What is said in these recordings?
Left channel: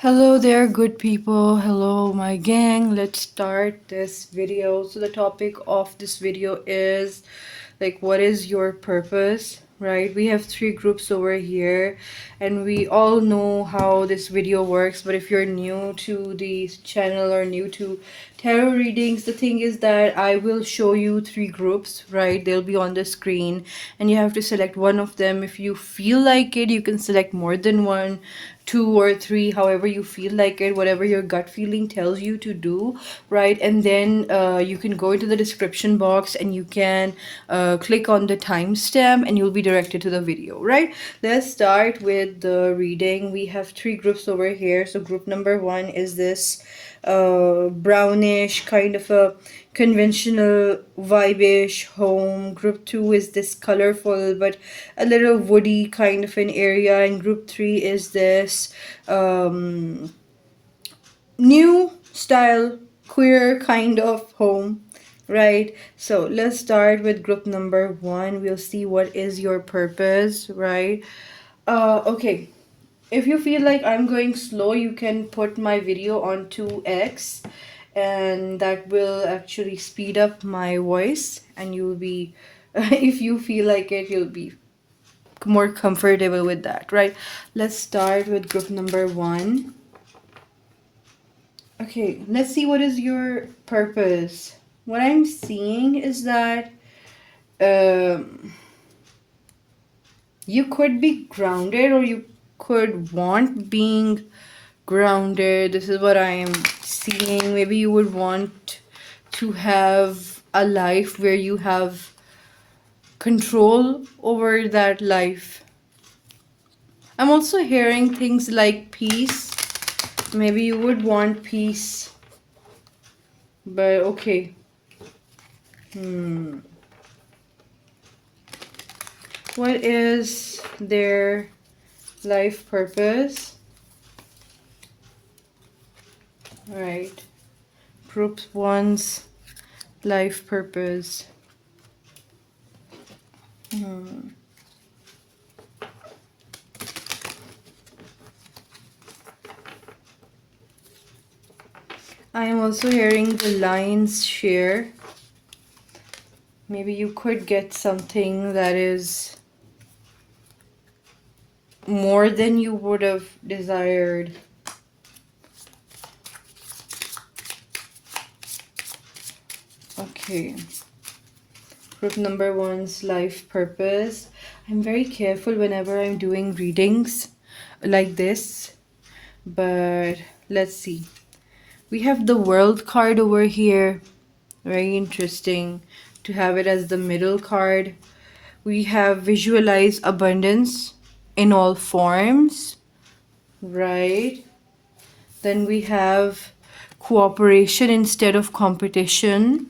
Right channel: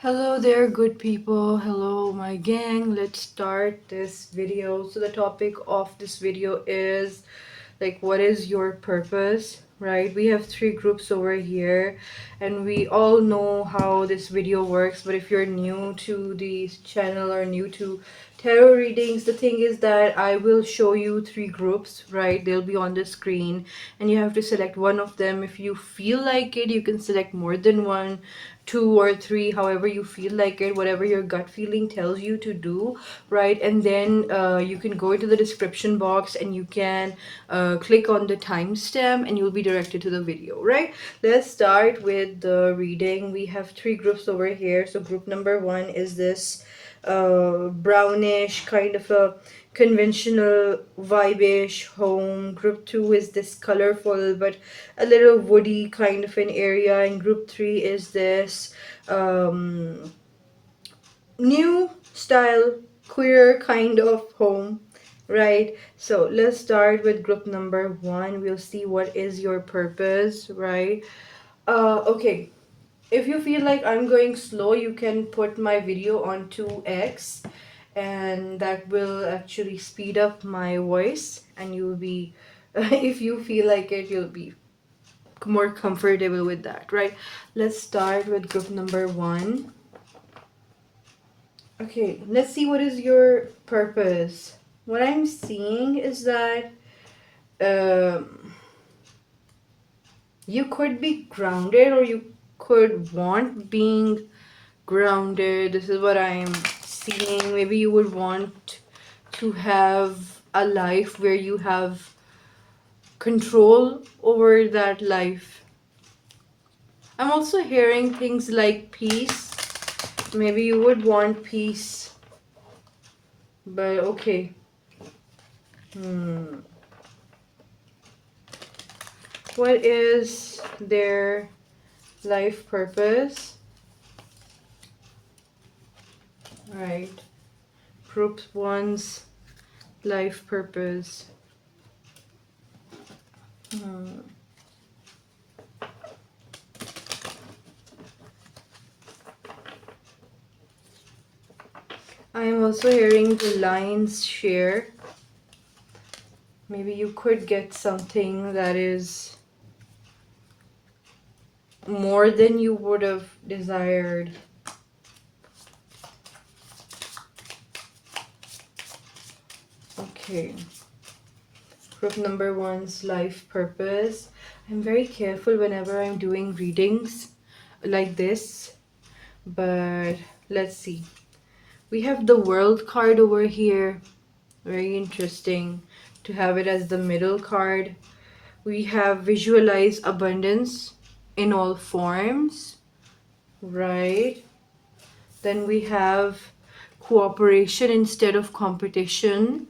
Hello there, good people. Hello, my gang. Let's start this video. So, the topic of this video is like, what is your purpose? Right? We have three groups over here, and we all know how this video works. But if you're new to the channel or new to tarot readings, the thing is that I will show you three groups, right? They'll be on the screen, and you have to select one of them. If you feel like it, you can select more than one, two or three, however you feel like it, whatever your gut feeling tells you to do, right? And then you can go into the description box and you can click on the timestamp and you'll be directed to the video, right? Let's start with the reading. We have three groups over here. So group number one is this brownish kind of a conventional vibe-ish home. Group two is this colorful but a little woody kind of an area, and group three is this new style queer kind of home, right? So let's start with group number one. We'll see what is your purpose, right? Okay, if you feel like I'm going slow, you can put my video on 2x, and that will actually speed up my voice, and you'll be if you feel like it, you'll be more comfortable with that, right? Let's start with group number one. Okay, let's see what is your purpose. What I'm seeing is that um, you could be grounded, or you could want being grounded. This is what I am seeing. Maybe you would want to have a life where you have control over that life. I'm also hearing things like peace. Maybe you would want peace. But okay. What is their life purpose? Right. Group one's life purpose. I am also hearing the lion's share. Maybe you could get something that is more than you would have desired. Okay. Group number one's life purpose. I'm very careful whenever I'm doing readings like this, but let's see. We have the world card over here. Very interesting to have it as the middle card. We have visualize abundance in all forms, right? Then we have cooperation instead of competition.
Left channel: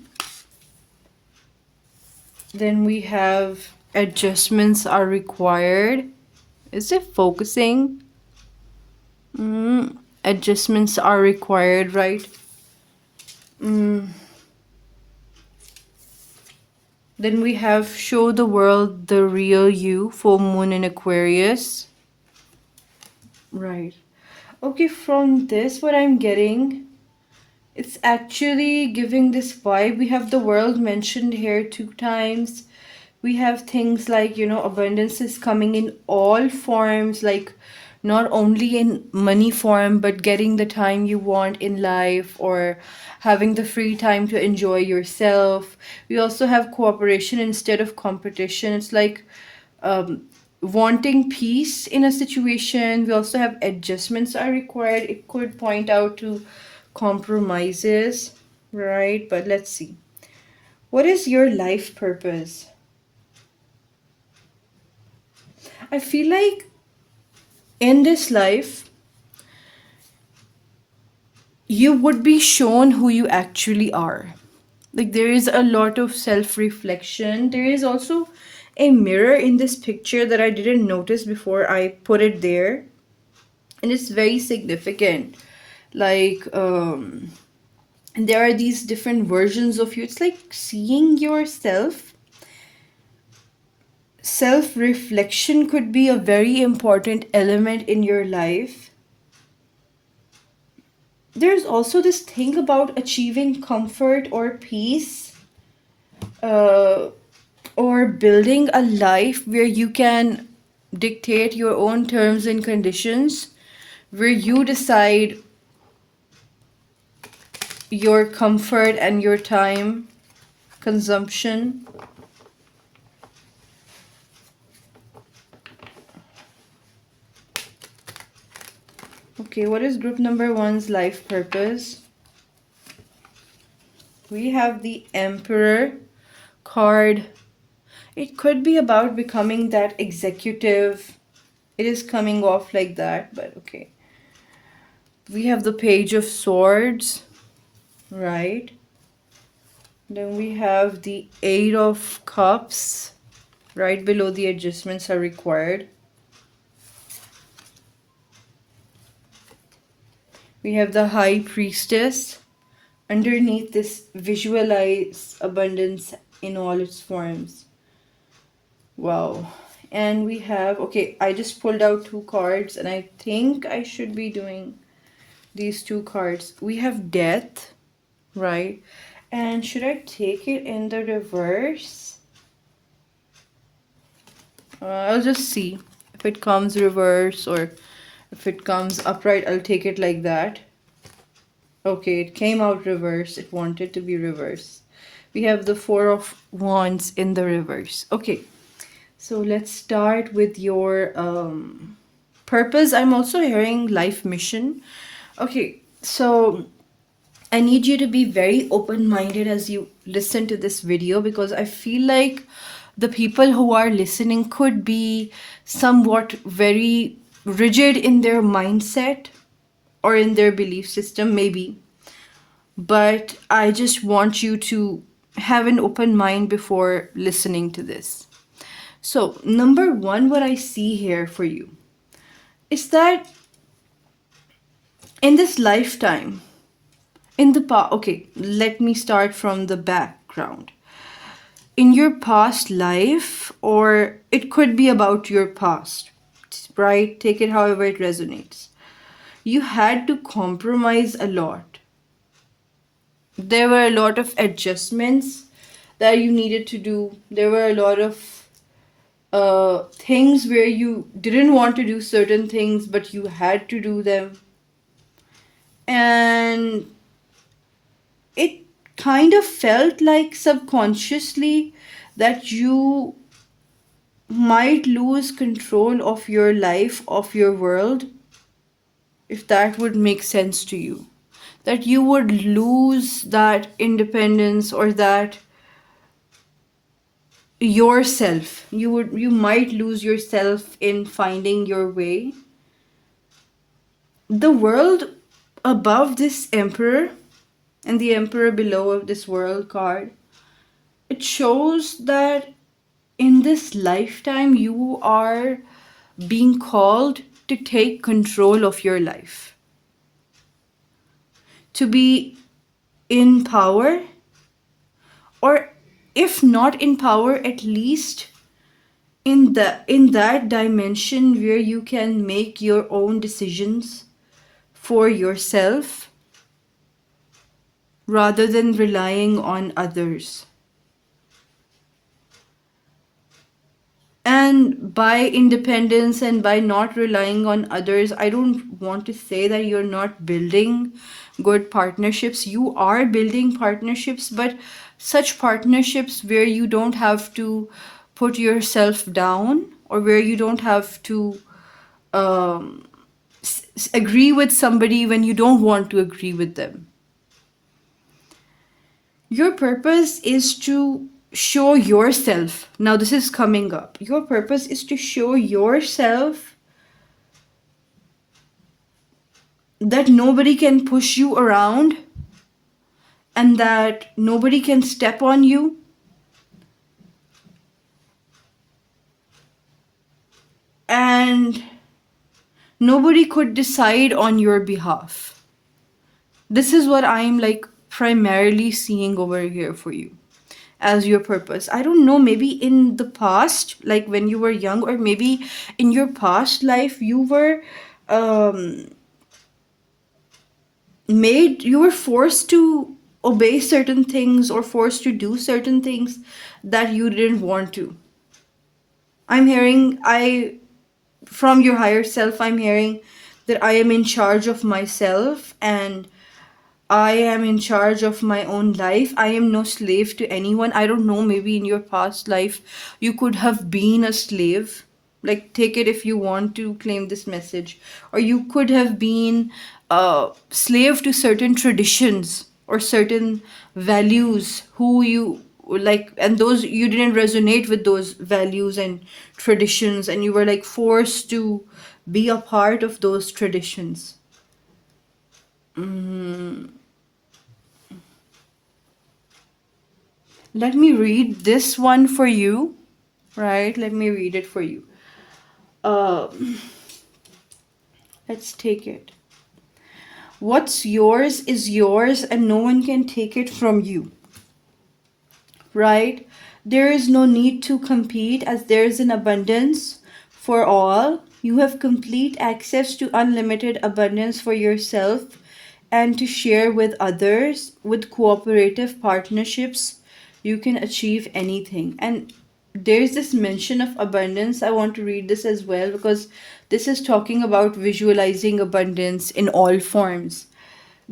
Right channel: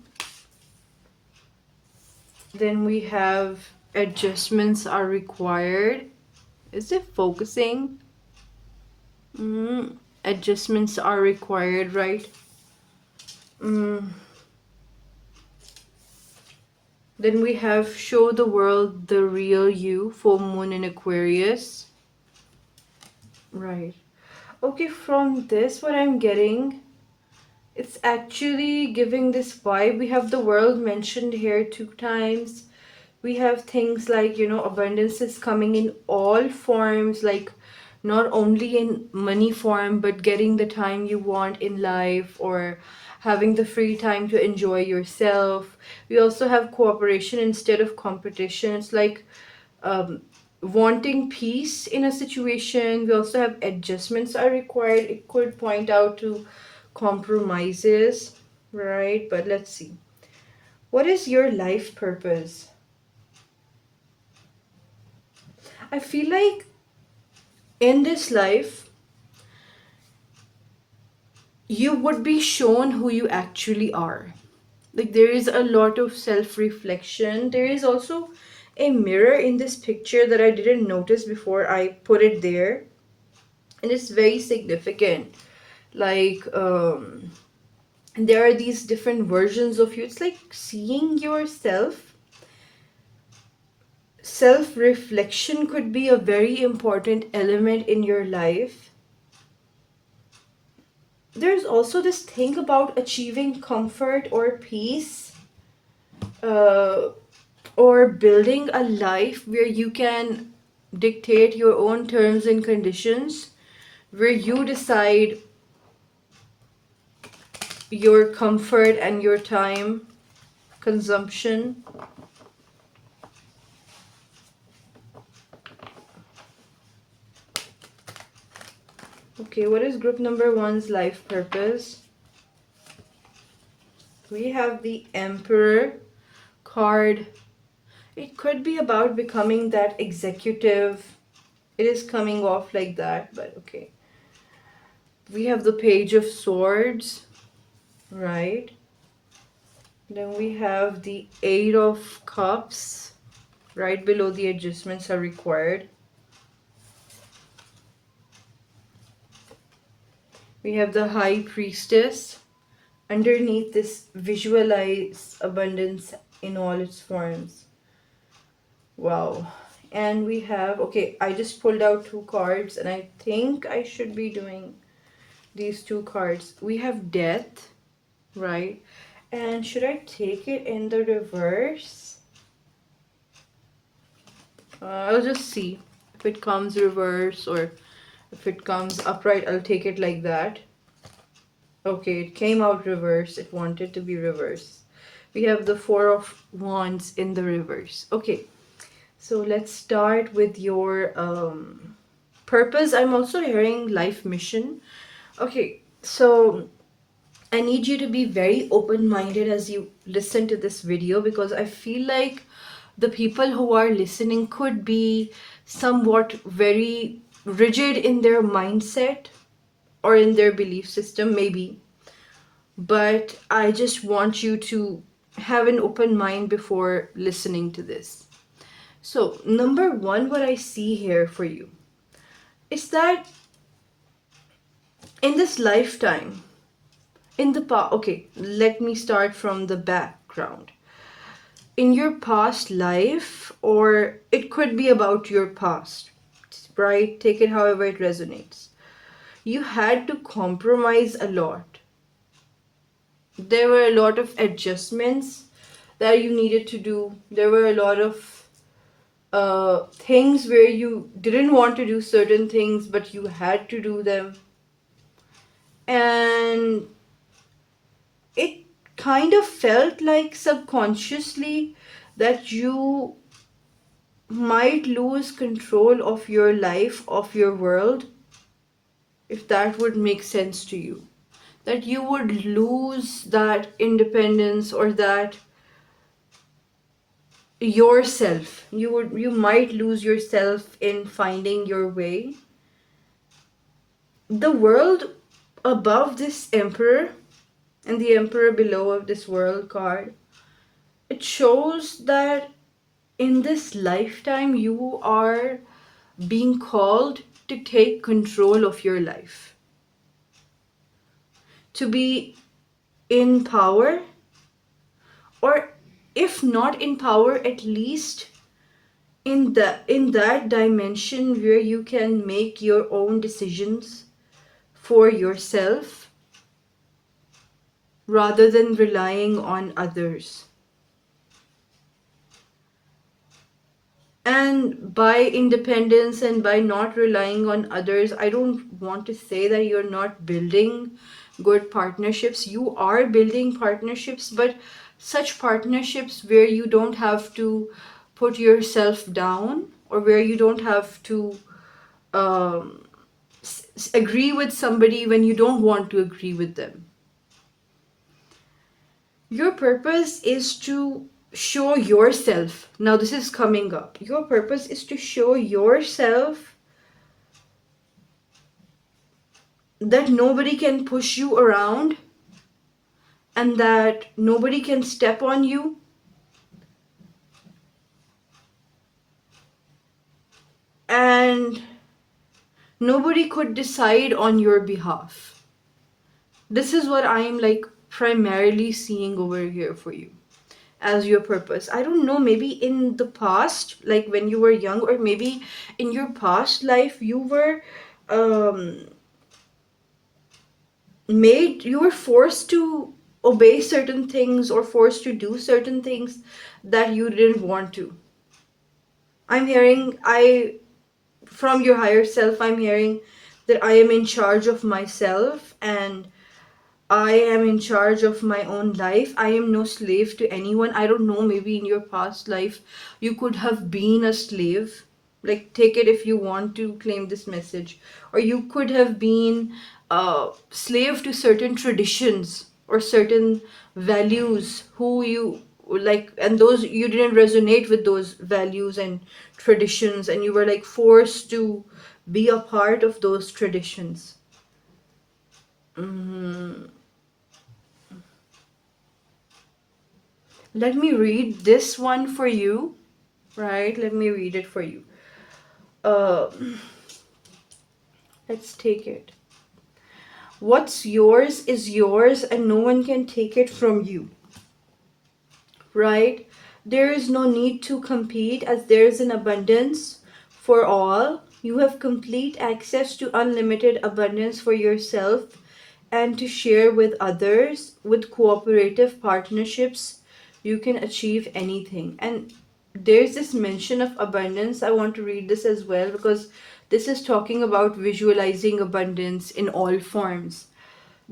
Then we have adjustments are required. Is it focusing? Adjustments are required, right? Then we have show the world the real you, full moon in Aquarius. Right. Okay, from this, what I'm getting, it's actually giving this vibe. We have the world mentioned here 2 times. We have things like, abundance is coming in all forms, like not only in money form, but getting the time you want in life, or having the free time to enjoy yourself. We also have cooperation instead of competition. It's like wanting peace in a situation. We also have adjustments are required. It could point out to compromises, right? But let's see. What is your life purpose? I feel like in this life, you would be shown who you actually are. Like, there is a lot of self-reflection. There is also a mirror in this picture that I didn't notice before I put it there. And it's very significant. Like, there are these different versions of you. It's like seeing yourself. Self-reflection could be a very important element in your life. there's also this thing about achieving comfort or peace, uh, or building a life where you can dictate your own terms and conditions, where you decide your comfort and your time consumption. Okay, what is group number one's life purpose? We have the Emperor card. It could be about becoming that executive. It is coming off like that, but okay. We have the Page of Swords, right? Then we have the Eight of Cups. Right below the adjustments are required. We have the High Priestess. Underneath this, visualize abundance in all its forms. Wow. And we have, okay, I just pulled out two cards and I think I should be doing these two cards. We have Death, right? And should I take it in the reverse? I'll just see if it comes reverse, or if it comes upright, I'll take it like that. Okay, it came out reverse. It wanted to be reverse. We have the Four of Wands in the reverse. Okay, so let's start with your purpose. I'm also hearing life mission. Okay, so I need you to be very open-minded as you listen to this video, because I feel like the people who are listening could be somewhat very rigid in their mindset or in their belief system, maybe. But I just want you to have an open mind before listening to this. So, number one, what I see here for you is that in this lifetime, in the past, okay, let me start from the background. In your past life, or it could be about your past, right? Take it however it resonates. You had to compromise a lot. There were a lot of adjustments that you needed to do. There were a lot of things where you didn't want to do certain things, but you had to do them. And it kind of felt like subconsciously that you might lose control of your life, of your world, if that would make sense to you. That you would lose that independence, or that yourself. You might lose yourself in finding your way. The world above this Emperor and the Emperor below of this World card, it shows that in this lifetime you are being called to take control of your life, to be in power, or if not in power, at least in that dimension where you can make your own decisions for yourself rather than relying on others. And by independence and by not relying on others, I don't want to say that you're not building good partnerships. You are building partnerships, but such partnerships where you don't have to put yourself down, or where you don't have to um, agree with somebody when you don't want to agree with them. Your purpose is to show yourself. Now, this is coming up. Your purpose is to show yourself that nobody can push you around, and that nobody can step on you, and nobody could decide on your behalf. This is what I'm like primarily seeing over here for you as your purpose. I don't know, maybe in the past, like when you were young, or maybe in your past life, you were um you were forced to obey certain things or forced to do certain things that you didn't want to. I'm hearing, I from your higher self, I'm hearing that I am in charge of myself and I am in charge of my own life. I am no slave to anyone. I don't know, maybe in your past life you could have been a slave. Like, take it if you want to claim this message. Or you could have been a slave to certain traditions or certain values who you like, and those you didn't resonate with those values and traditions, and you were like forced to be a part of those traditions. Mm. Let me read this one for you, right? Let me read it for you. Uh, let's take it. What's yours is yours, and no one can take it from you, right? There is no need to compete as there is an abundance for all. You have complete access to unlimited abundance for yourself and to share with others. With cooperative partnerships, you can achieve anything. And there's this mention of abundance. I want to read this as well because this is talking about visualizing abundance in all forms.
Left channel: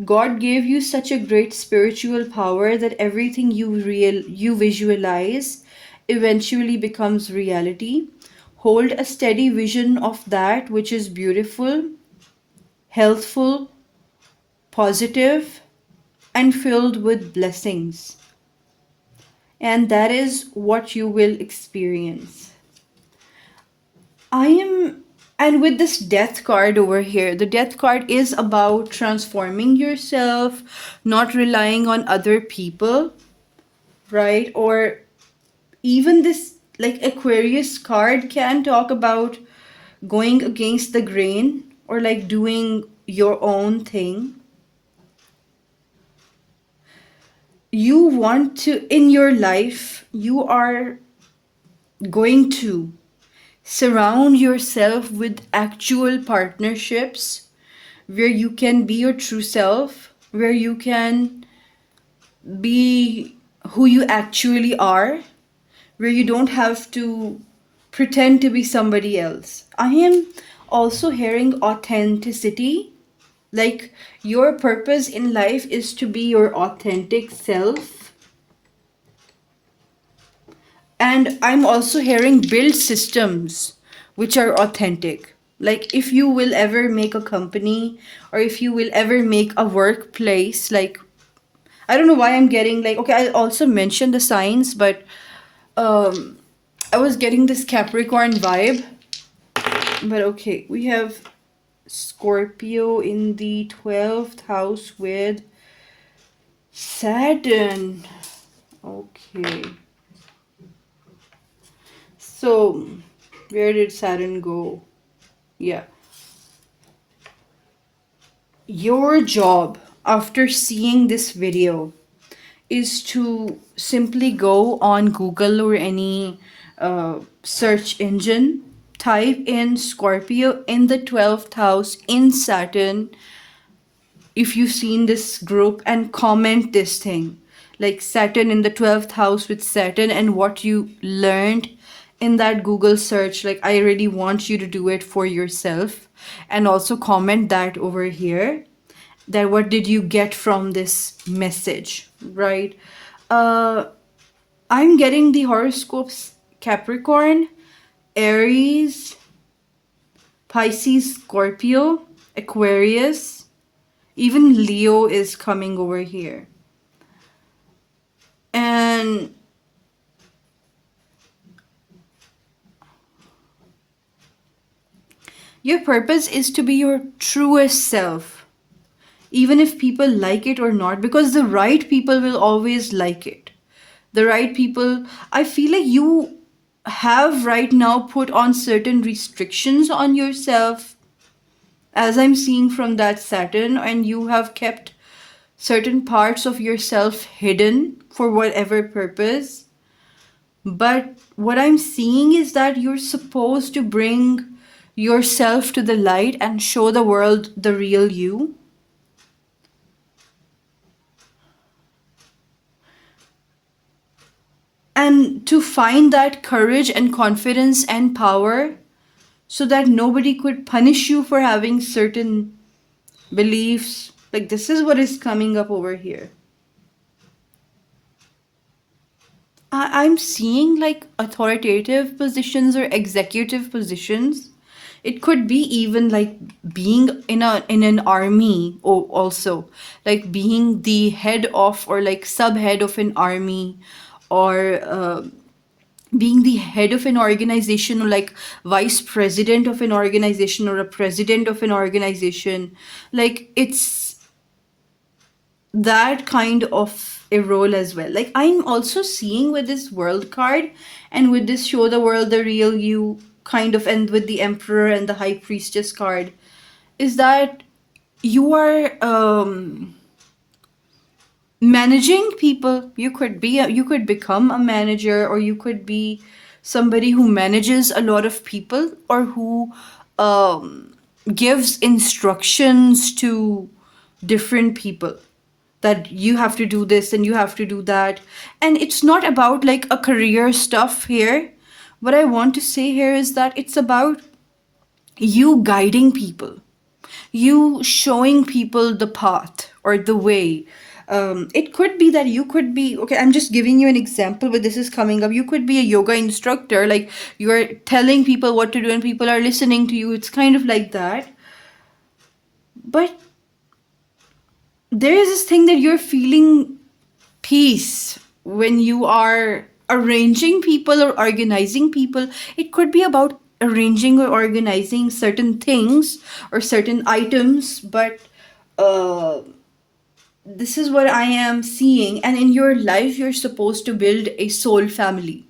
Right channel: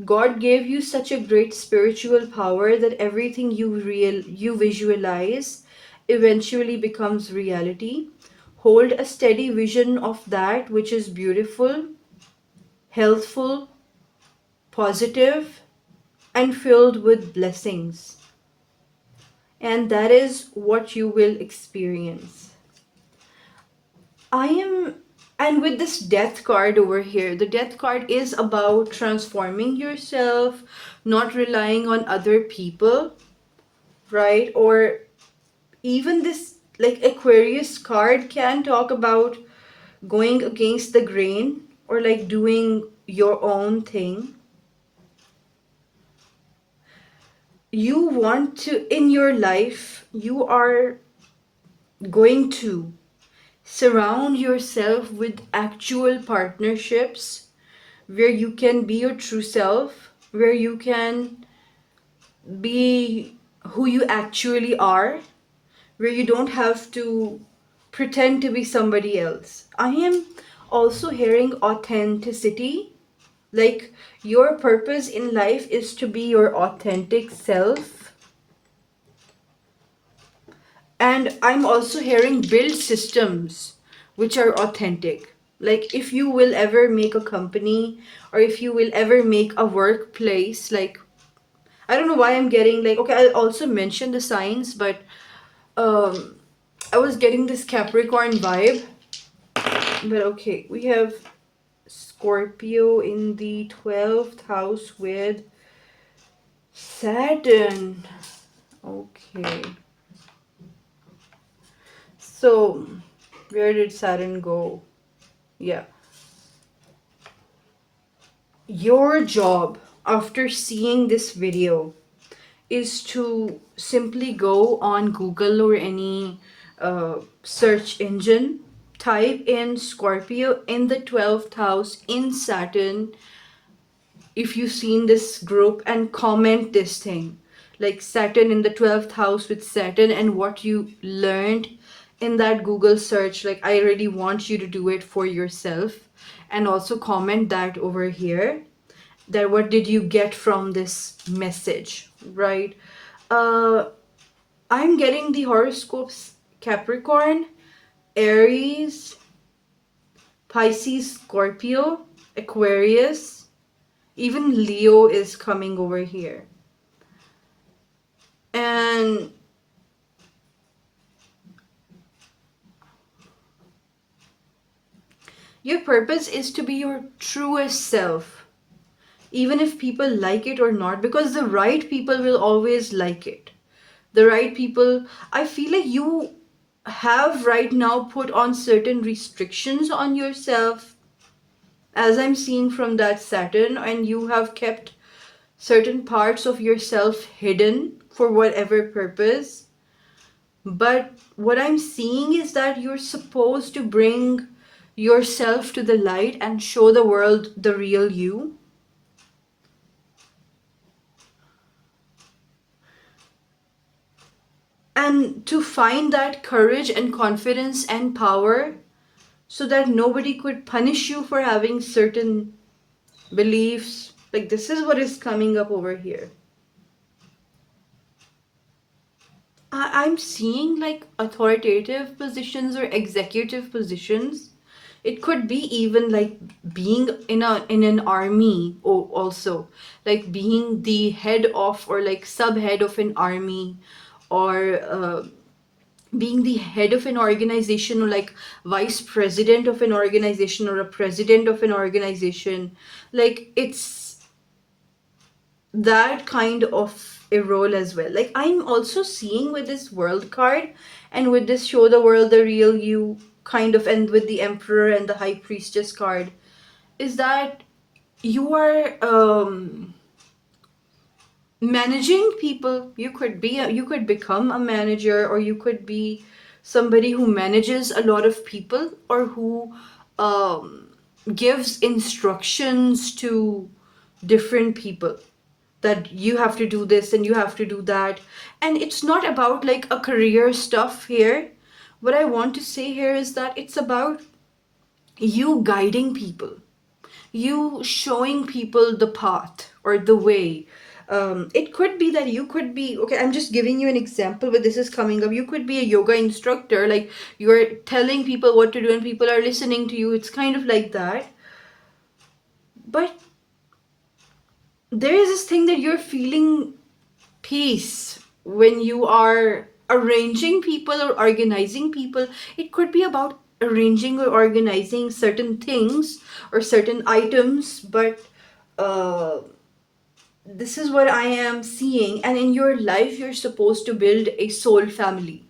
God gave you such a great spiritual power that everything you visualize eventually becomes reality. Hold a steady vision of that which is beautiful, healthful, positive, and filled with blessings. And that is what you will experience. I am, and with this death card over here, the death card is about transforming yourself, not relying on other people, right? Or even this, like, Aquarius card can talk about going against the grain or like doing your own thing. You want to, in your life, you are going to surround yourself with actual partnerships where you can be your true self, where you can be who you actually are, where you don't have to pretend to be somebody else. I am also hearing authenticity. Like, your purpose in life is to be your authentic self. And I'm also hearing build systems which are authentic. Like, if you will ever make a company or if you will ever make a workplace, like, I don't know why I'm getting like, okay, I'll also mention the signs, but um I was getting this Capricorn vibe. But okay, we have Scorpio in the 12th house with Saturn. Okay. So, where did Saturn go? Yeah. Your job after seeing this video is to simply go on Google or any search engine, type in Scorpio in the 12th house in Saturn if you've seen this group, and comment this thing like Saturn in the 12th house with Saturn and what you learned in that Google search. Like, I really want you to do it for yourself and also comment that over here, that what did you get from this message, right? uh I'm getting the horoscopes: Capricorn, Aries, Pisces, Scorpio, Aquarius, even Leo is coming over here. And your purpose is to be your truest self, even if people like it or not, because the right people will always like it. The right people, I feel like you have right now put on certain restrictions on yourself, as I'm seeing from that Saturn, and you have kept certain parts of yourself hidden for whatever purpose. But what I'm seeing is that you're supposed to bring yourself to the light and show the world the real you. and to find that courage and confidence and power so that nobody could punish you for having certain beliefs. Like, this is what is coming up over here. I'm seeing like authoritative positions or executive positions. It could be even like being in an army, or also like being the head of or like subhead of an army, or being the head of an organization, or like vice president of an organization, or a president of an organization. Like, it's that kind of a role as well. Like, I'm also seeing with this world card and with this show the world the real you kind of, and with the emperor and the high priestess card, is that you are managing people. You could be you could become a manager, or you could be somebody who manages a lot of people, or who gives instructions to different people, that you have to do this and you have to do that. And it's not about like a career stuff here. What I want to say here is that it's about you guiding people, you showing people the path or the way. It could be that you could be, okay, I'm just giving you an example, but this is coming up. You could be a yoga instructor, like you're telling people what to do and people are listening to you. It's kind of like that. But there is this thing that you're feeling peace when you are arranging people or organizing people. It could be about arranging or organizing certain things or certain items, but uh, this is what I am seeing. And in your life, you're supposed to build a soul family.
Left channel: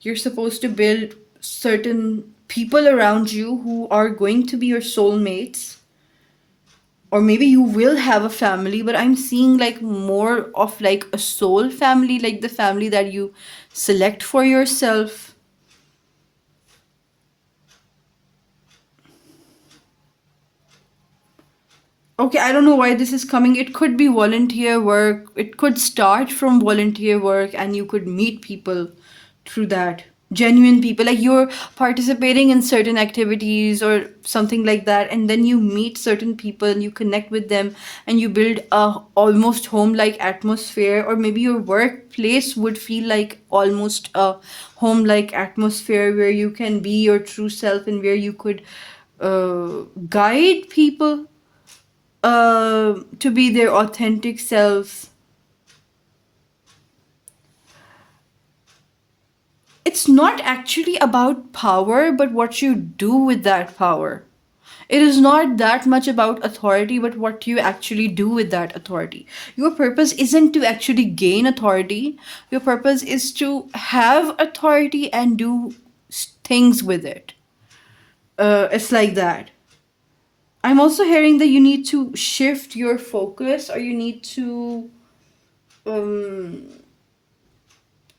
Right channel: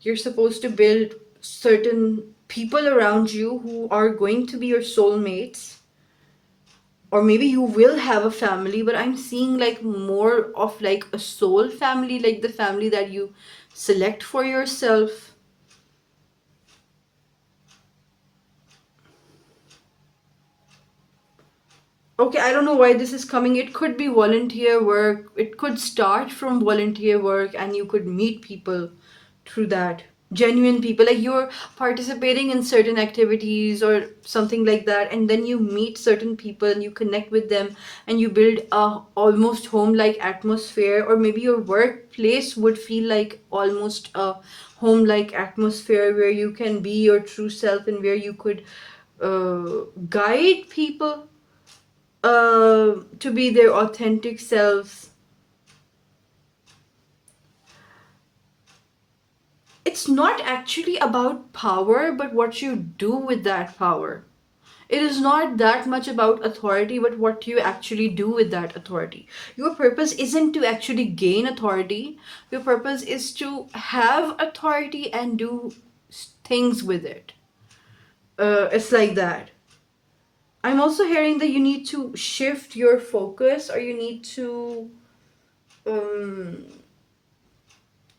You're supposed to build certain people around you who are going to be your soulmates, or maybe you will have a family, but I'm seeing like more of like a soul family, like the family that you select for yourself. Okay, I don't know why this is coming. It could be volunteer work, it could start from volunteer work, and you could meet people through that. Genuine people, like you're participating in certain activities or something like that, and then you meet certain people and you connect with them, and you build a almost home like atmosphere. Or maybe your workplace would feel like almost a home like atmosphere, where you can be your true self and where you could guide people to be their authentic selves. It's not actually about power, but what you do with that power. It is not that much about authority, but what you actually do with that authority. Your purpose isn't to actually gain authority, your purpose is to have authority and do things with it. It's like that. I'm also hearing that you need to shift your focus, or you need to um,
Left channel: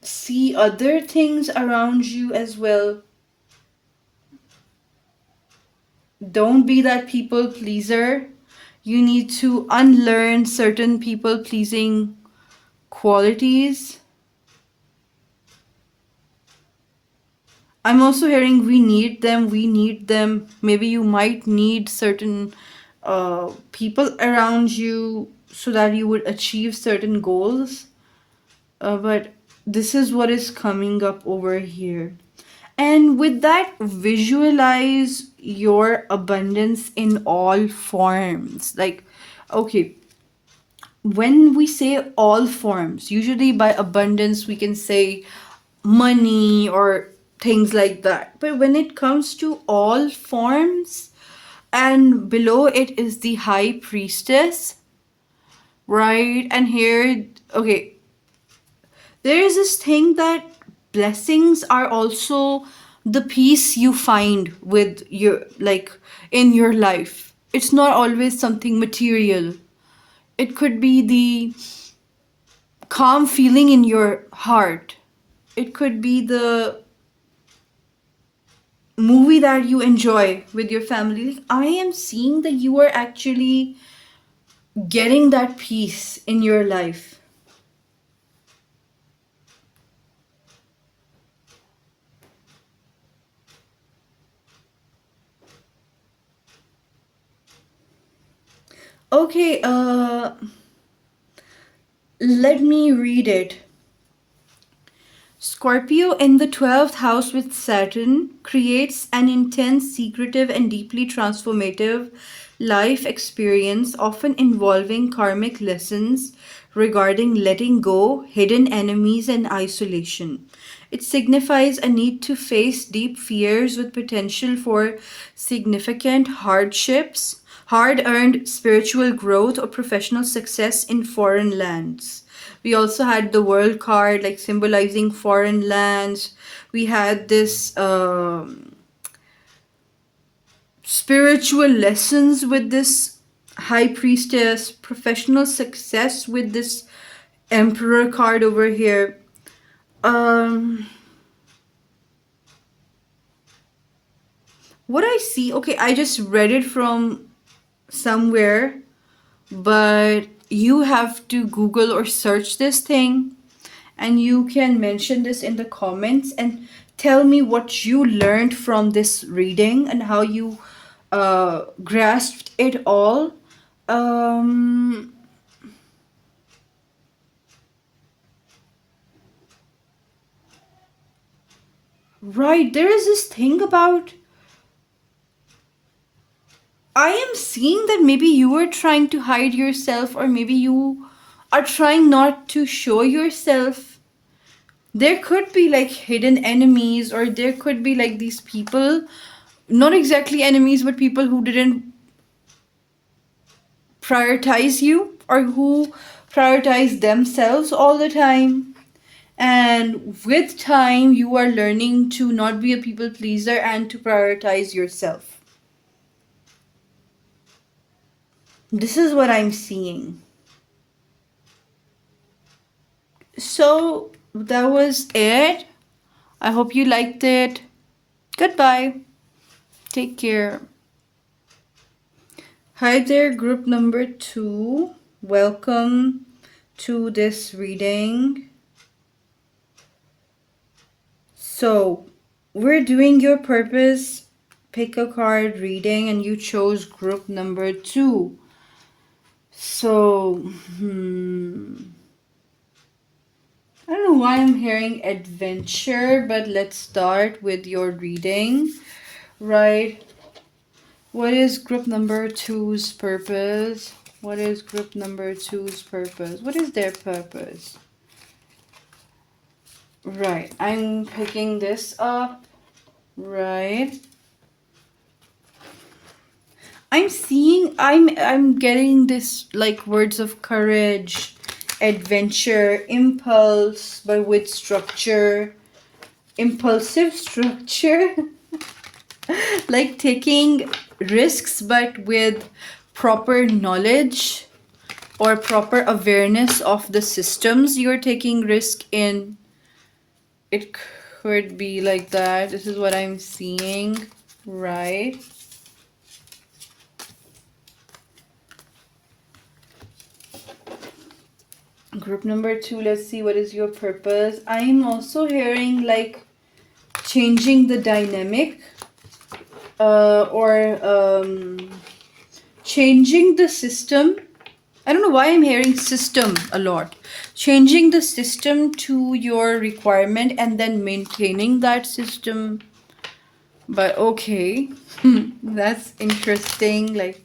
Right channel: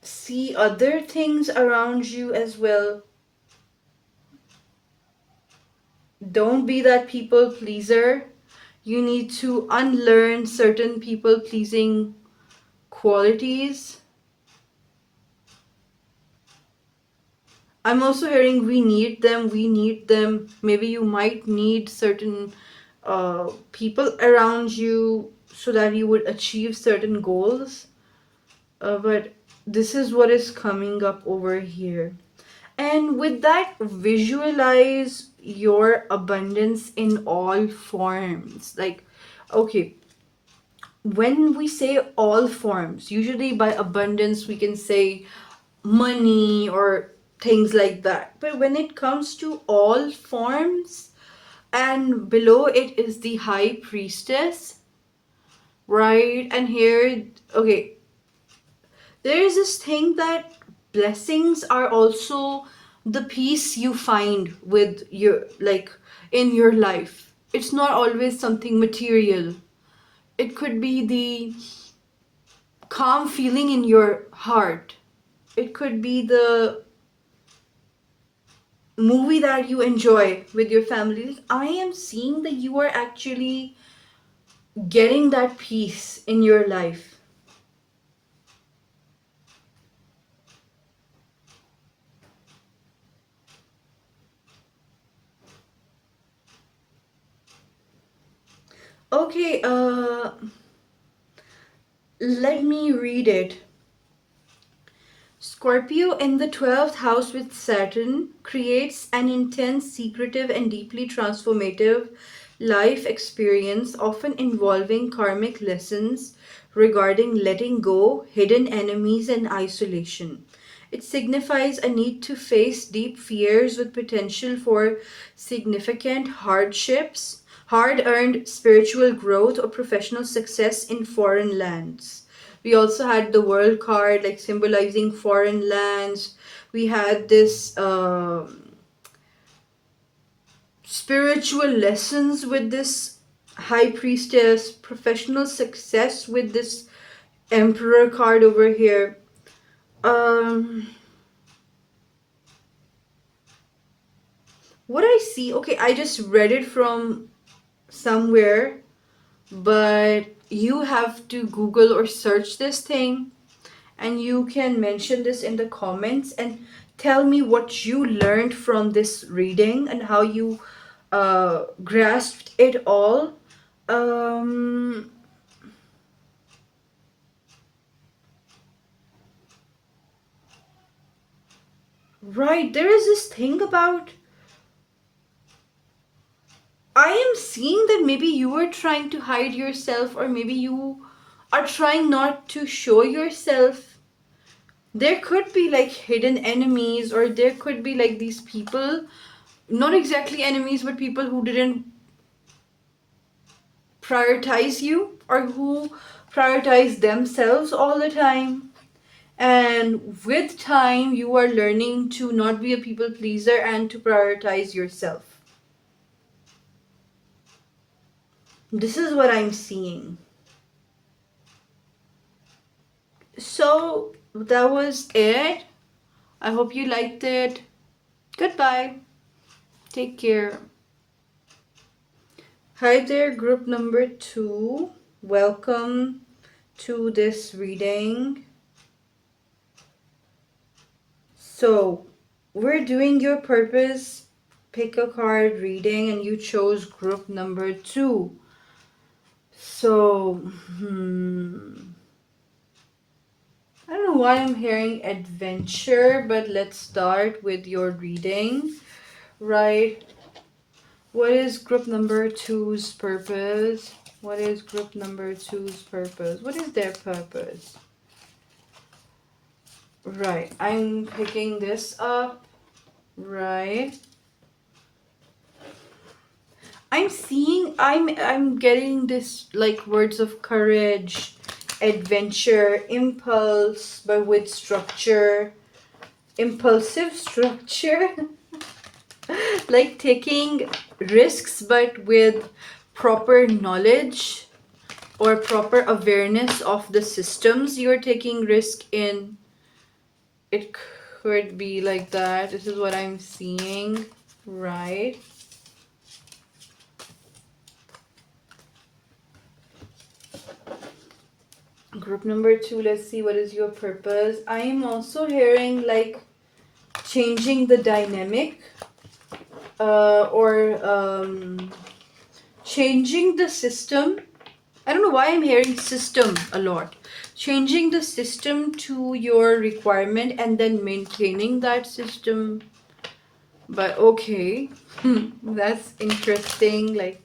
see other things around you as well. Don't be that people pleaser. You need to unlearn certain people pleasing qualities. I'm also hearing we need them, we need them. Maybe you might need certain people around you so that you would achieve certain goals. But this is what is coming up over here. And with that, visualize your abundance in all forms. Like, okay, when we say all forms, usually by abundance, we can say money or things like that. But when it comes to all forms, and below it is the high priestess, right? And here, okay, there is this thing that blessings are also the peace you find with your, like, in your life. It's not always something material. It could be the calm feeling in your heart. It could be the movie that you enjoy with your family. Like, I am seeing that you are actually getting that peace in your life. Okay, let me read it. Scorpio in the 12th house with Saturn creates an intense, secretive, and deeply transformative life experience, often involving karmic lessons regarding letting go, hidden enemies, and isolation. It signifies a need to face deep fears with potential for significant hardships, hard earned spiritual growth, or professional success in foreign lands. We also had the world card, like symbolizing foreign lands. We had this spiritual lessons with this high priestess, professional success with this emperor card over here. Um, what I see, okay, I just read it from somewhere, but you have to Google or search this thing, and you can mention this in the comments and tell me what you learned from this reading and how you grasped it all. Um, right, there is this thing about. I am seeing that maybe you were trying to hide yourself, or maybe you are trying not to show yourself. There could be like hidden enemies, or there could be like these people, not exactly enemies, but people who didn't prioritize you, or who prioritize themselves all the time. And with time, you are learning to not be a people pleaser and to prioritize yourself. This is what I'm seeing. So that was it. I hope you liked it. Goodbye. Take care. Hi there, group number 2. Welcome to this reading. So, we're doing your purpose pick a card reading, and you chose group number 2. So, I don't know why I'm hearing adventure, but let's start with your reading, right? What is group number 2's purpose? What is group number 2's purpose? What is their purpose? Right, I'm picking this up, right? I'm getting this like words of courage, adventure, impulse, but with structure, impulsive structure. Like taking risks but with proper knowledge or proper awareness of the systems you're taking risk in. It could be like that. This is what I'm seeing, right? Group number 2, let's see what is your purpose. I am also hearing like changing the dynamic, or changing the system. I don't know why I'm hearing system a lot. Changing the system to your requirement and then maintaining that system. But okay, that's interesting. Like,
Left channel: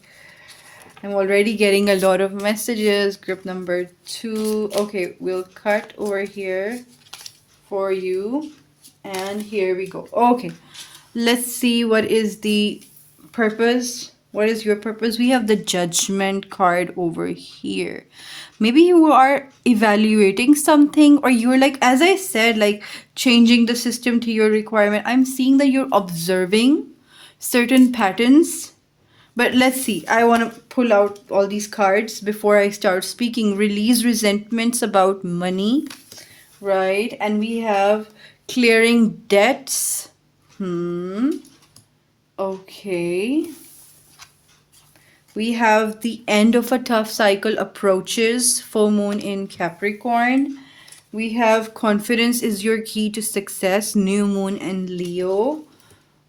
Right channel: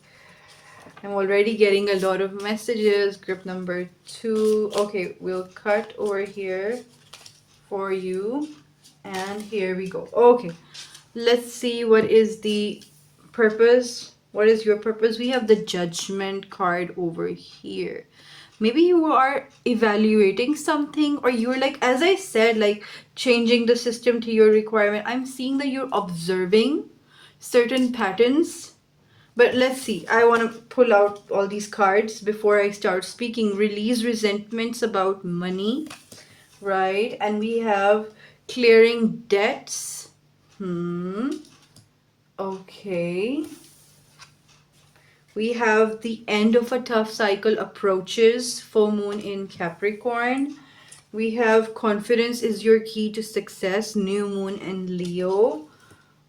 I'm already getting a lot of messages. Group number 2. Okay, we'll cut over here for you. And here we go. Okay, let's see what is the purpose. What is your purpose? We have the judgment card over here. Maybe you are evaluating something, or you're like, as I said, like changing the system to your requirement. I'm seeing that you're observing certain patterns. But let's see. I want to pull out all these cards before I start speaking. Release resentments about money, right? And we have clearing debts. Okay. We have the end of a tough cycle approaches, full moon in Capricorn. We have confidence is your key to success, new moon in Leo.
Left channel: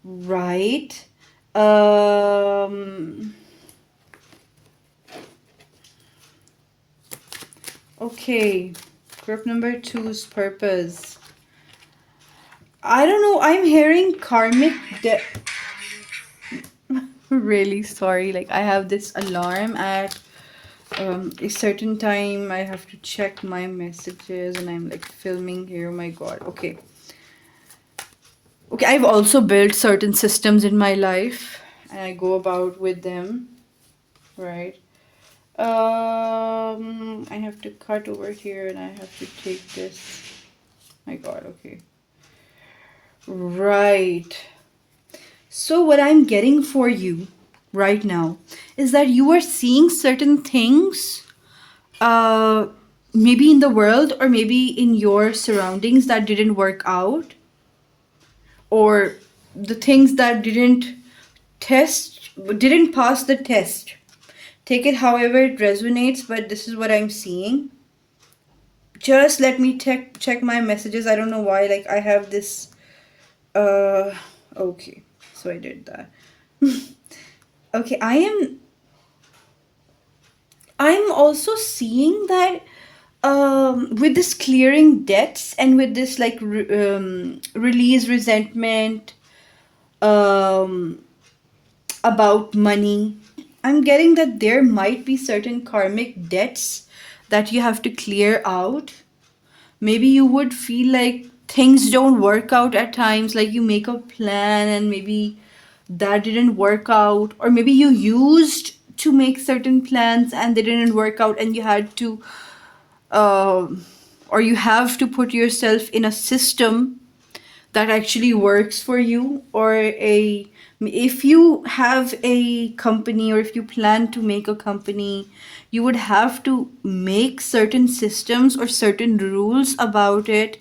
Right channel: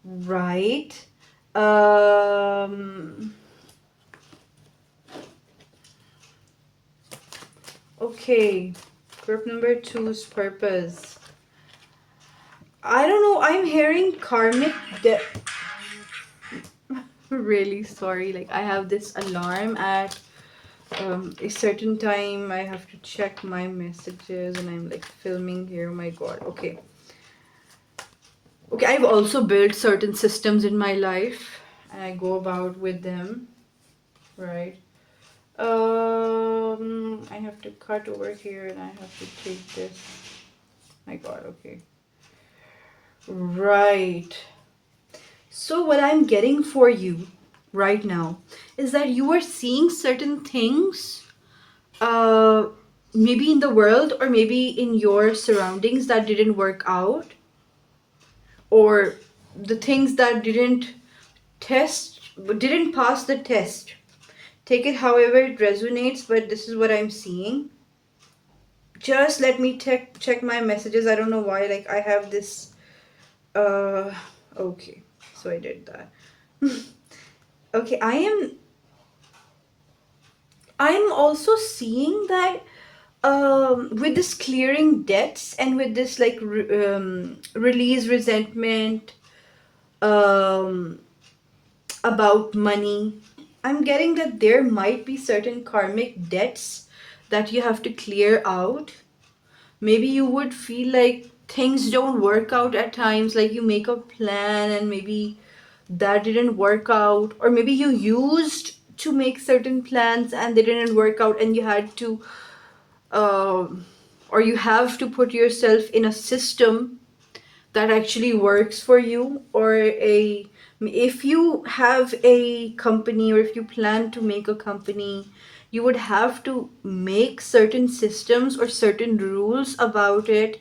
Right. Okay, group number two's purpose. I don't know, I'm hearing karmic really sorry, like I have this alarm at a certain time. I have to check my messages and I'm like filming here. Oh my god. Okay. Okay, I've also built certain systems in my life and I go about with them, right? I have to cut over here and I have to take this. My god, okay. Right. So what I'm getting for you right now is that you are seeing certain things uh maybe in the world or maybe in your surroundings that didn't work out, or the things that test didn't pass the test. Take it however it resonates, but this is what I'm seeing. Just let me check my messages. I don't know why, like I have this okay, so I did that. Okay, I'm also seeing that with this clearing debts and with this like release resentment um, about money, I'm getting that there might be certain karmic debts that you have to clear out. Maybe you would feel like things don't work out at times, like you make a plan and maybe that didn't work out, or maybe you used to make certain plans and they didn't work out and you had to or you have to put yourself in a system that actually works for you, or a if you have a company or if you plan to make a company, you would have to make certain systems or certain rules about it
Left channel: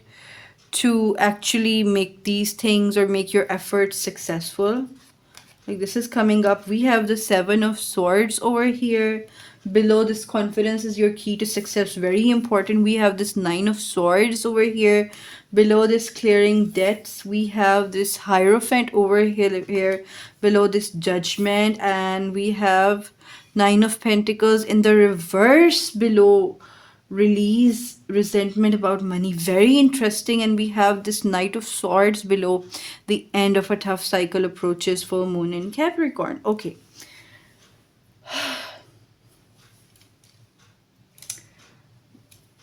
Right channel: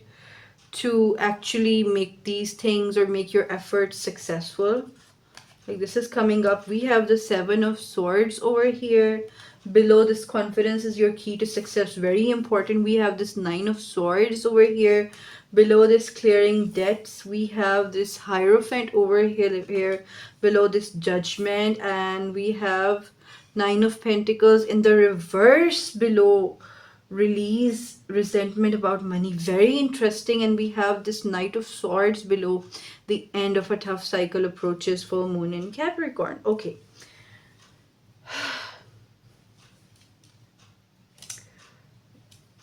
to actually make these things or make your efforts successful. Like this is coming up. We have the Seven of Swords over here. Below this, confidence is your key to success. Very important. We have this Nine of Swords over here. Below this, clearing debts. We have this Hierophant over here. Below this, Judgment. And we have Nine of Pentacles in the reverse below, release resentment about money. Very interesting. And we have this Knight of Swords below, the end of a tough cycle approaches, full moon in Capricorn. Okay,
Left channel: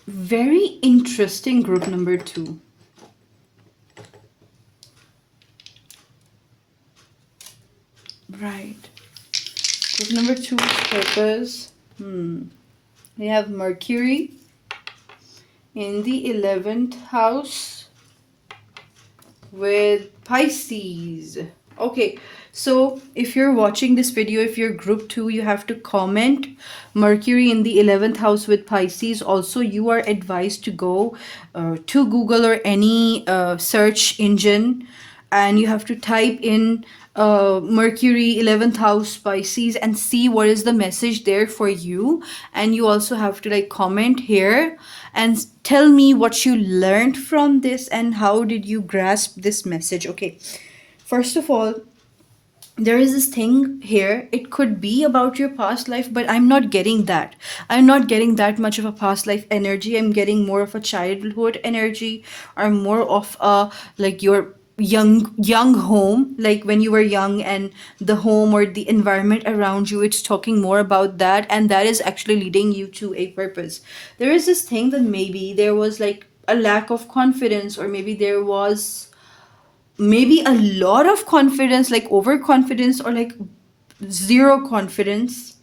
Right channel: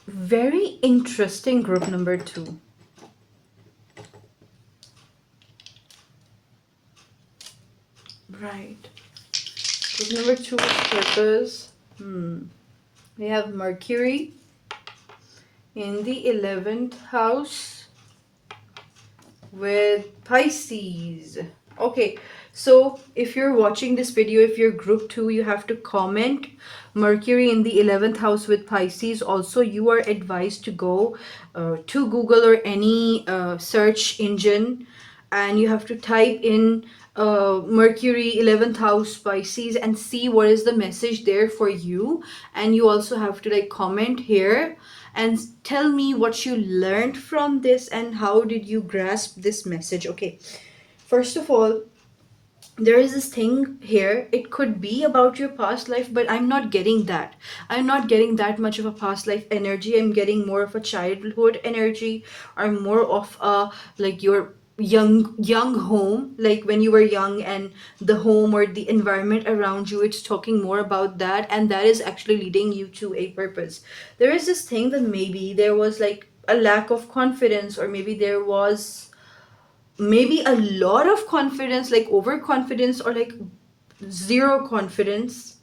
very interesting. Group number two. Right, group number two is purpose. We have Mercury in the 11th house with Pisces. Okay, so if you're watching this video, if you're group 2, you have to comment Mercury in the 11th house with Pisces. Also, you are advised to go to Google or any search engine, and you have to type in Mercury 11th house Pisces and see what is the message there for you. And you also have to like comment here and tell me what you learned from this and how did you grasp this message. Okay, first of all, there is this thing here. It could be about your past life, but I'm not getting that. I'm not getting that much of a past life energy. I'm getting more of a childhood energy, or more of a like your young home, like when you were young, and the home or the environment around you. It's talking more about that, and that is actually leading you to a purpose. There is this thing that maybe there was like a lack of confidence, or maybe there was maybe a lot of confidence, like overconfidence, or like zero confidence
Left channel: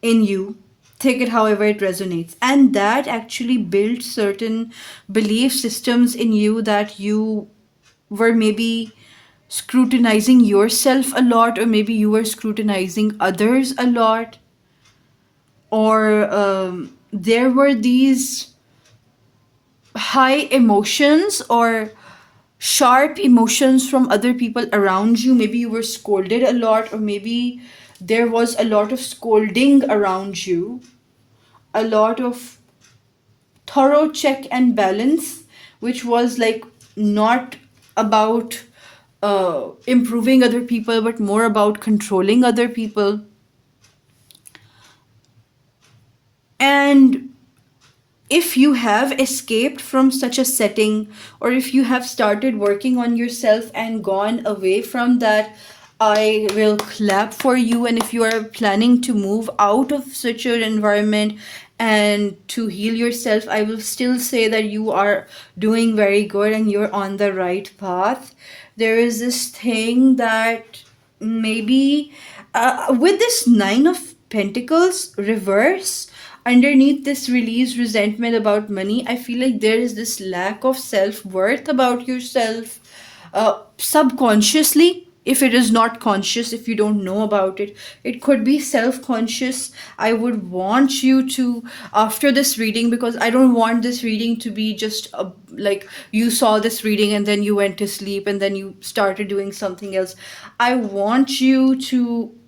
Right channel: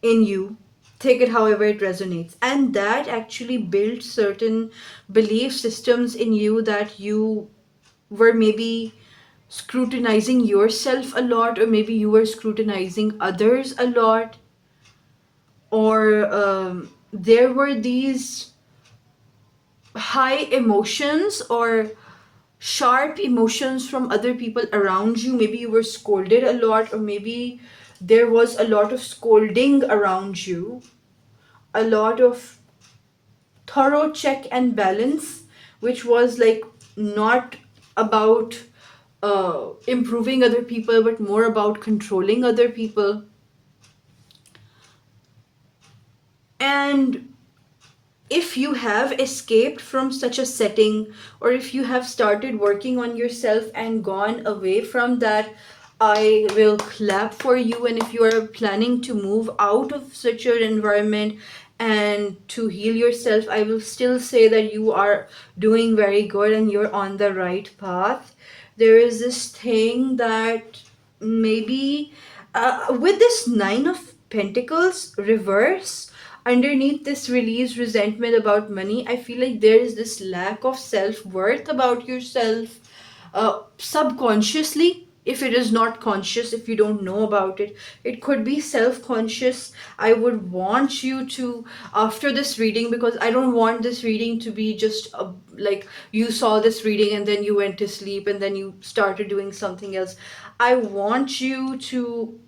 in you. Take it however it resonates. And that actually built certain belief systems in you, that you were maybe scrutinizing yourself a lot, or maybe you were scrutinizing others a lot, or there were these high emotions or sharp emotions from other people around you. Maybe you were scolded a lot, or maybe there was a lot of scolding around you, a lot of thorough check and balance, which was like not about improving other people, but more about controlling other people. And if you have escaped from such a setting, or if you have started working on yourself and gone away from that, I will clap for you. And if you are planning to move out of such an environment and to heal yourself, I will still say that you are doing very good and you're on the right path. There is this thing that maybe with this Nine of Pentacles reverse, underneath this release resentment about money, I feel like there is this lack of self-worth about yourself, subconsciously. If it is not conscious, if you don't know about it, it could be self-conscious. I would want you to, after this reading, because I don't want this reading to be just like you saw this reading and then you went to sleep and then you started doing something else. I want you to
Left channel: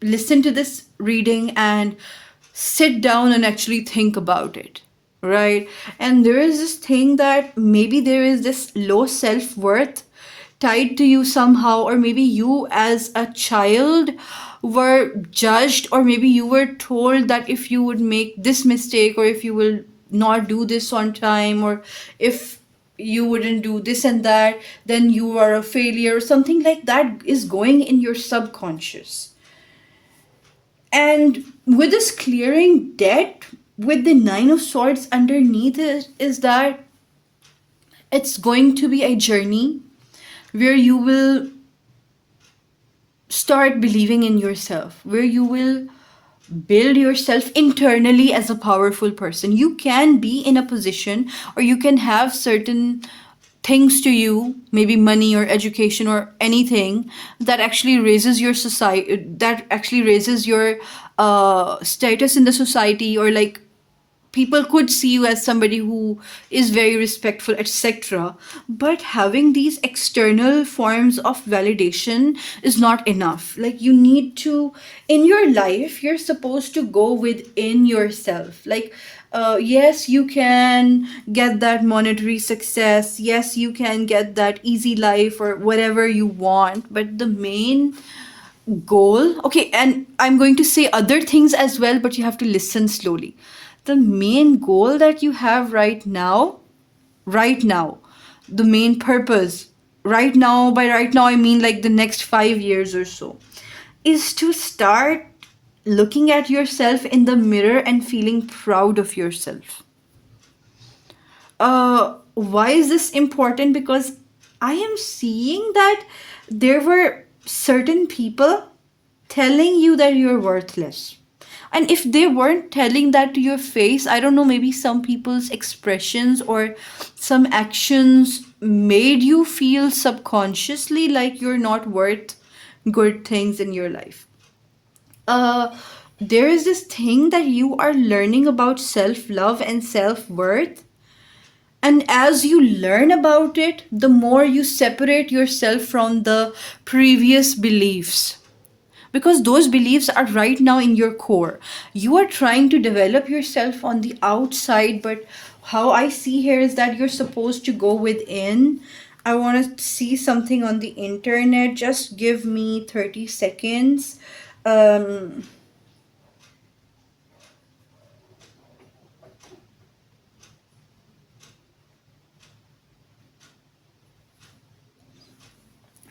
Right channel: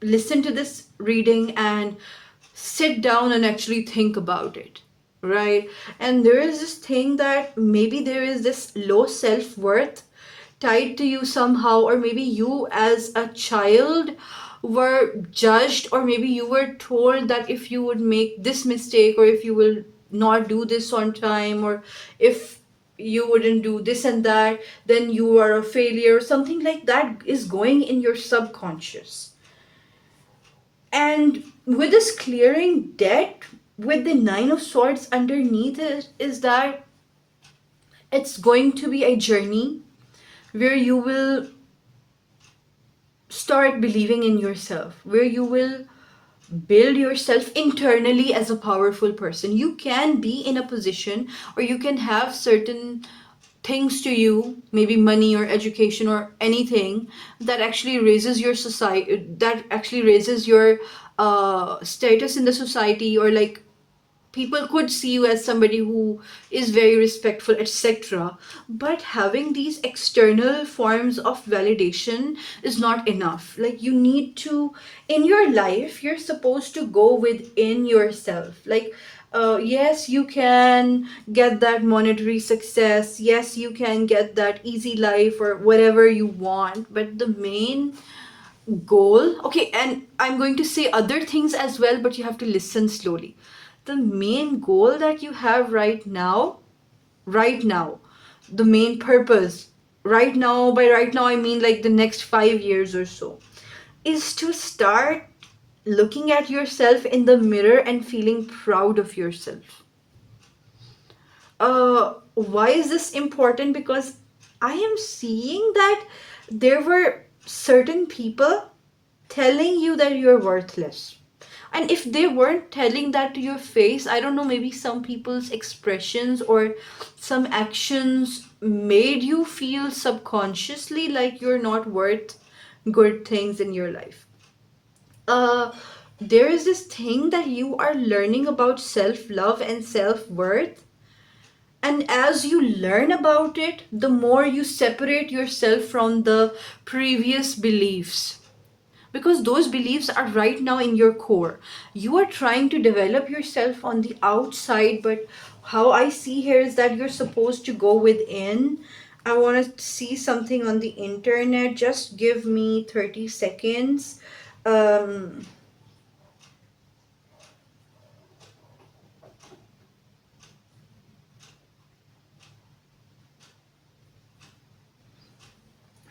listen to this reading and sit down and actually think about it, right? And there is this thing that maybe there is this low self-worth tied to you somehow, or maybe you as a child were judged, or maybe you were told that if you would make this mistake, or if you will not do this on time, or if you wouldn't do this and that, then you are a failure, or something like that is going in your subconscious. And with this clearing debt, with the Nine of Swords underneath it, is that it's going to be a journey where you will start believing in yourself, where you will build yourself internally as a powerful person. You can be in a position, or you can have certain things to you, maybe money or education or anything, that actually raises your society, that actually raises your status in the society, or like people could see you as somebody who is very respectful, etc. But having these external forms of validation is not enough. Like, you need to, in your life, you're supposed to go within yourself. Like, yes, you can get that monetary success. Yes, you can get that easy life or whatever you want. But the main goal, okay, and I'm going to say other things as well, but you have to listen slowly. The main goal that you have right now, the main purpose right now, by right now I mean like the next 5 years or so, is to start looking at yourself in the mirror and feeling proud of yourself. Why is this important? Because I am seeing that there were certain people telling you that you're worthless. And if they weren't telling that to your face, I don't know, maybe some people's expressions or some actions made you feel subconsciously like you're not worth good things in your life. Uh, there is this thing that you are learning about self love and self worth. And as you learn about it, the more you separate yourself from the previous beliefs, because those beliefs are right now in your core. You are trying to develop yourself on the outside, but how I see here is that you're supposed to go within. I want to see something on the internet. Just give me 30 seconds. Um,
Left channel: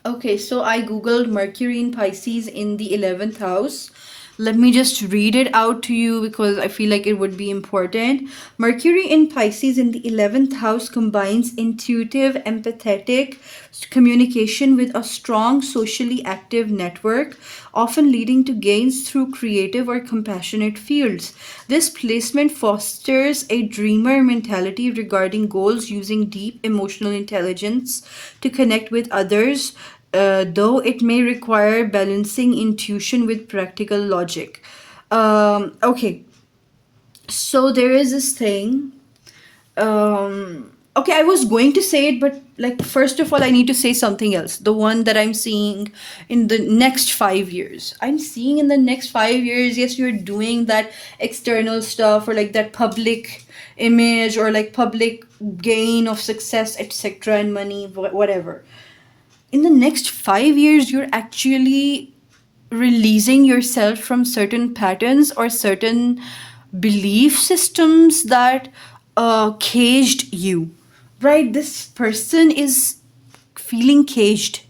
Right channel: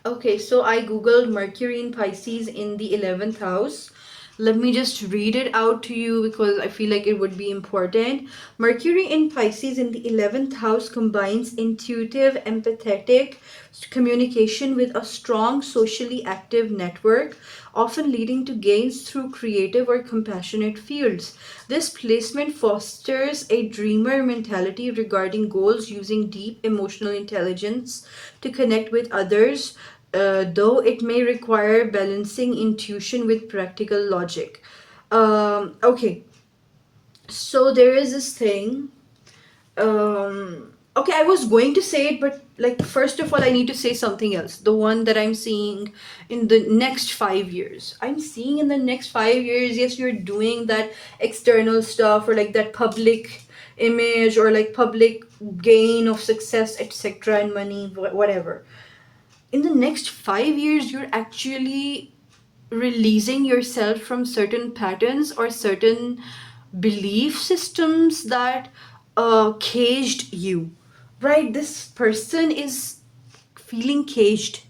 Okay, so I googled Mercury in Pisces in the 11th house. Let me just read it out to you because I feel like it would be important. Mercury in Pisces in the 11th house combines intuitive, empathetic communication with a strong, socially active network, often leading to gains through creative or compassionate fields. This placement fosters a dreamer mentality regarding goals, using deep emotional intelligence to connect with others, though it may require balancing intuition with practical logic. Okay, so there is this thing. Okay, I was going to say it, but like, first of all, I need to say something else. The one that I'm seeing in the next 5 years. I'm seeing in the next 5 years, yes, you're doing that external stuff, or like that public image, or like public gain of success, etc., and money, whatever. In the next 5 years, you're actually releasing yourself from certain patterns or certain belief systems that caged you, right? This person is feeling caged.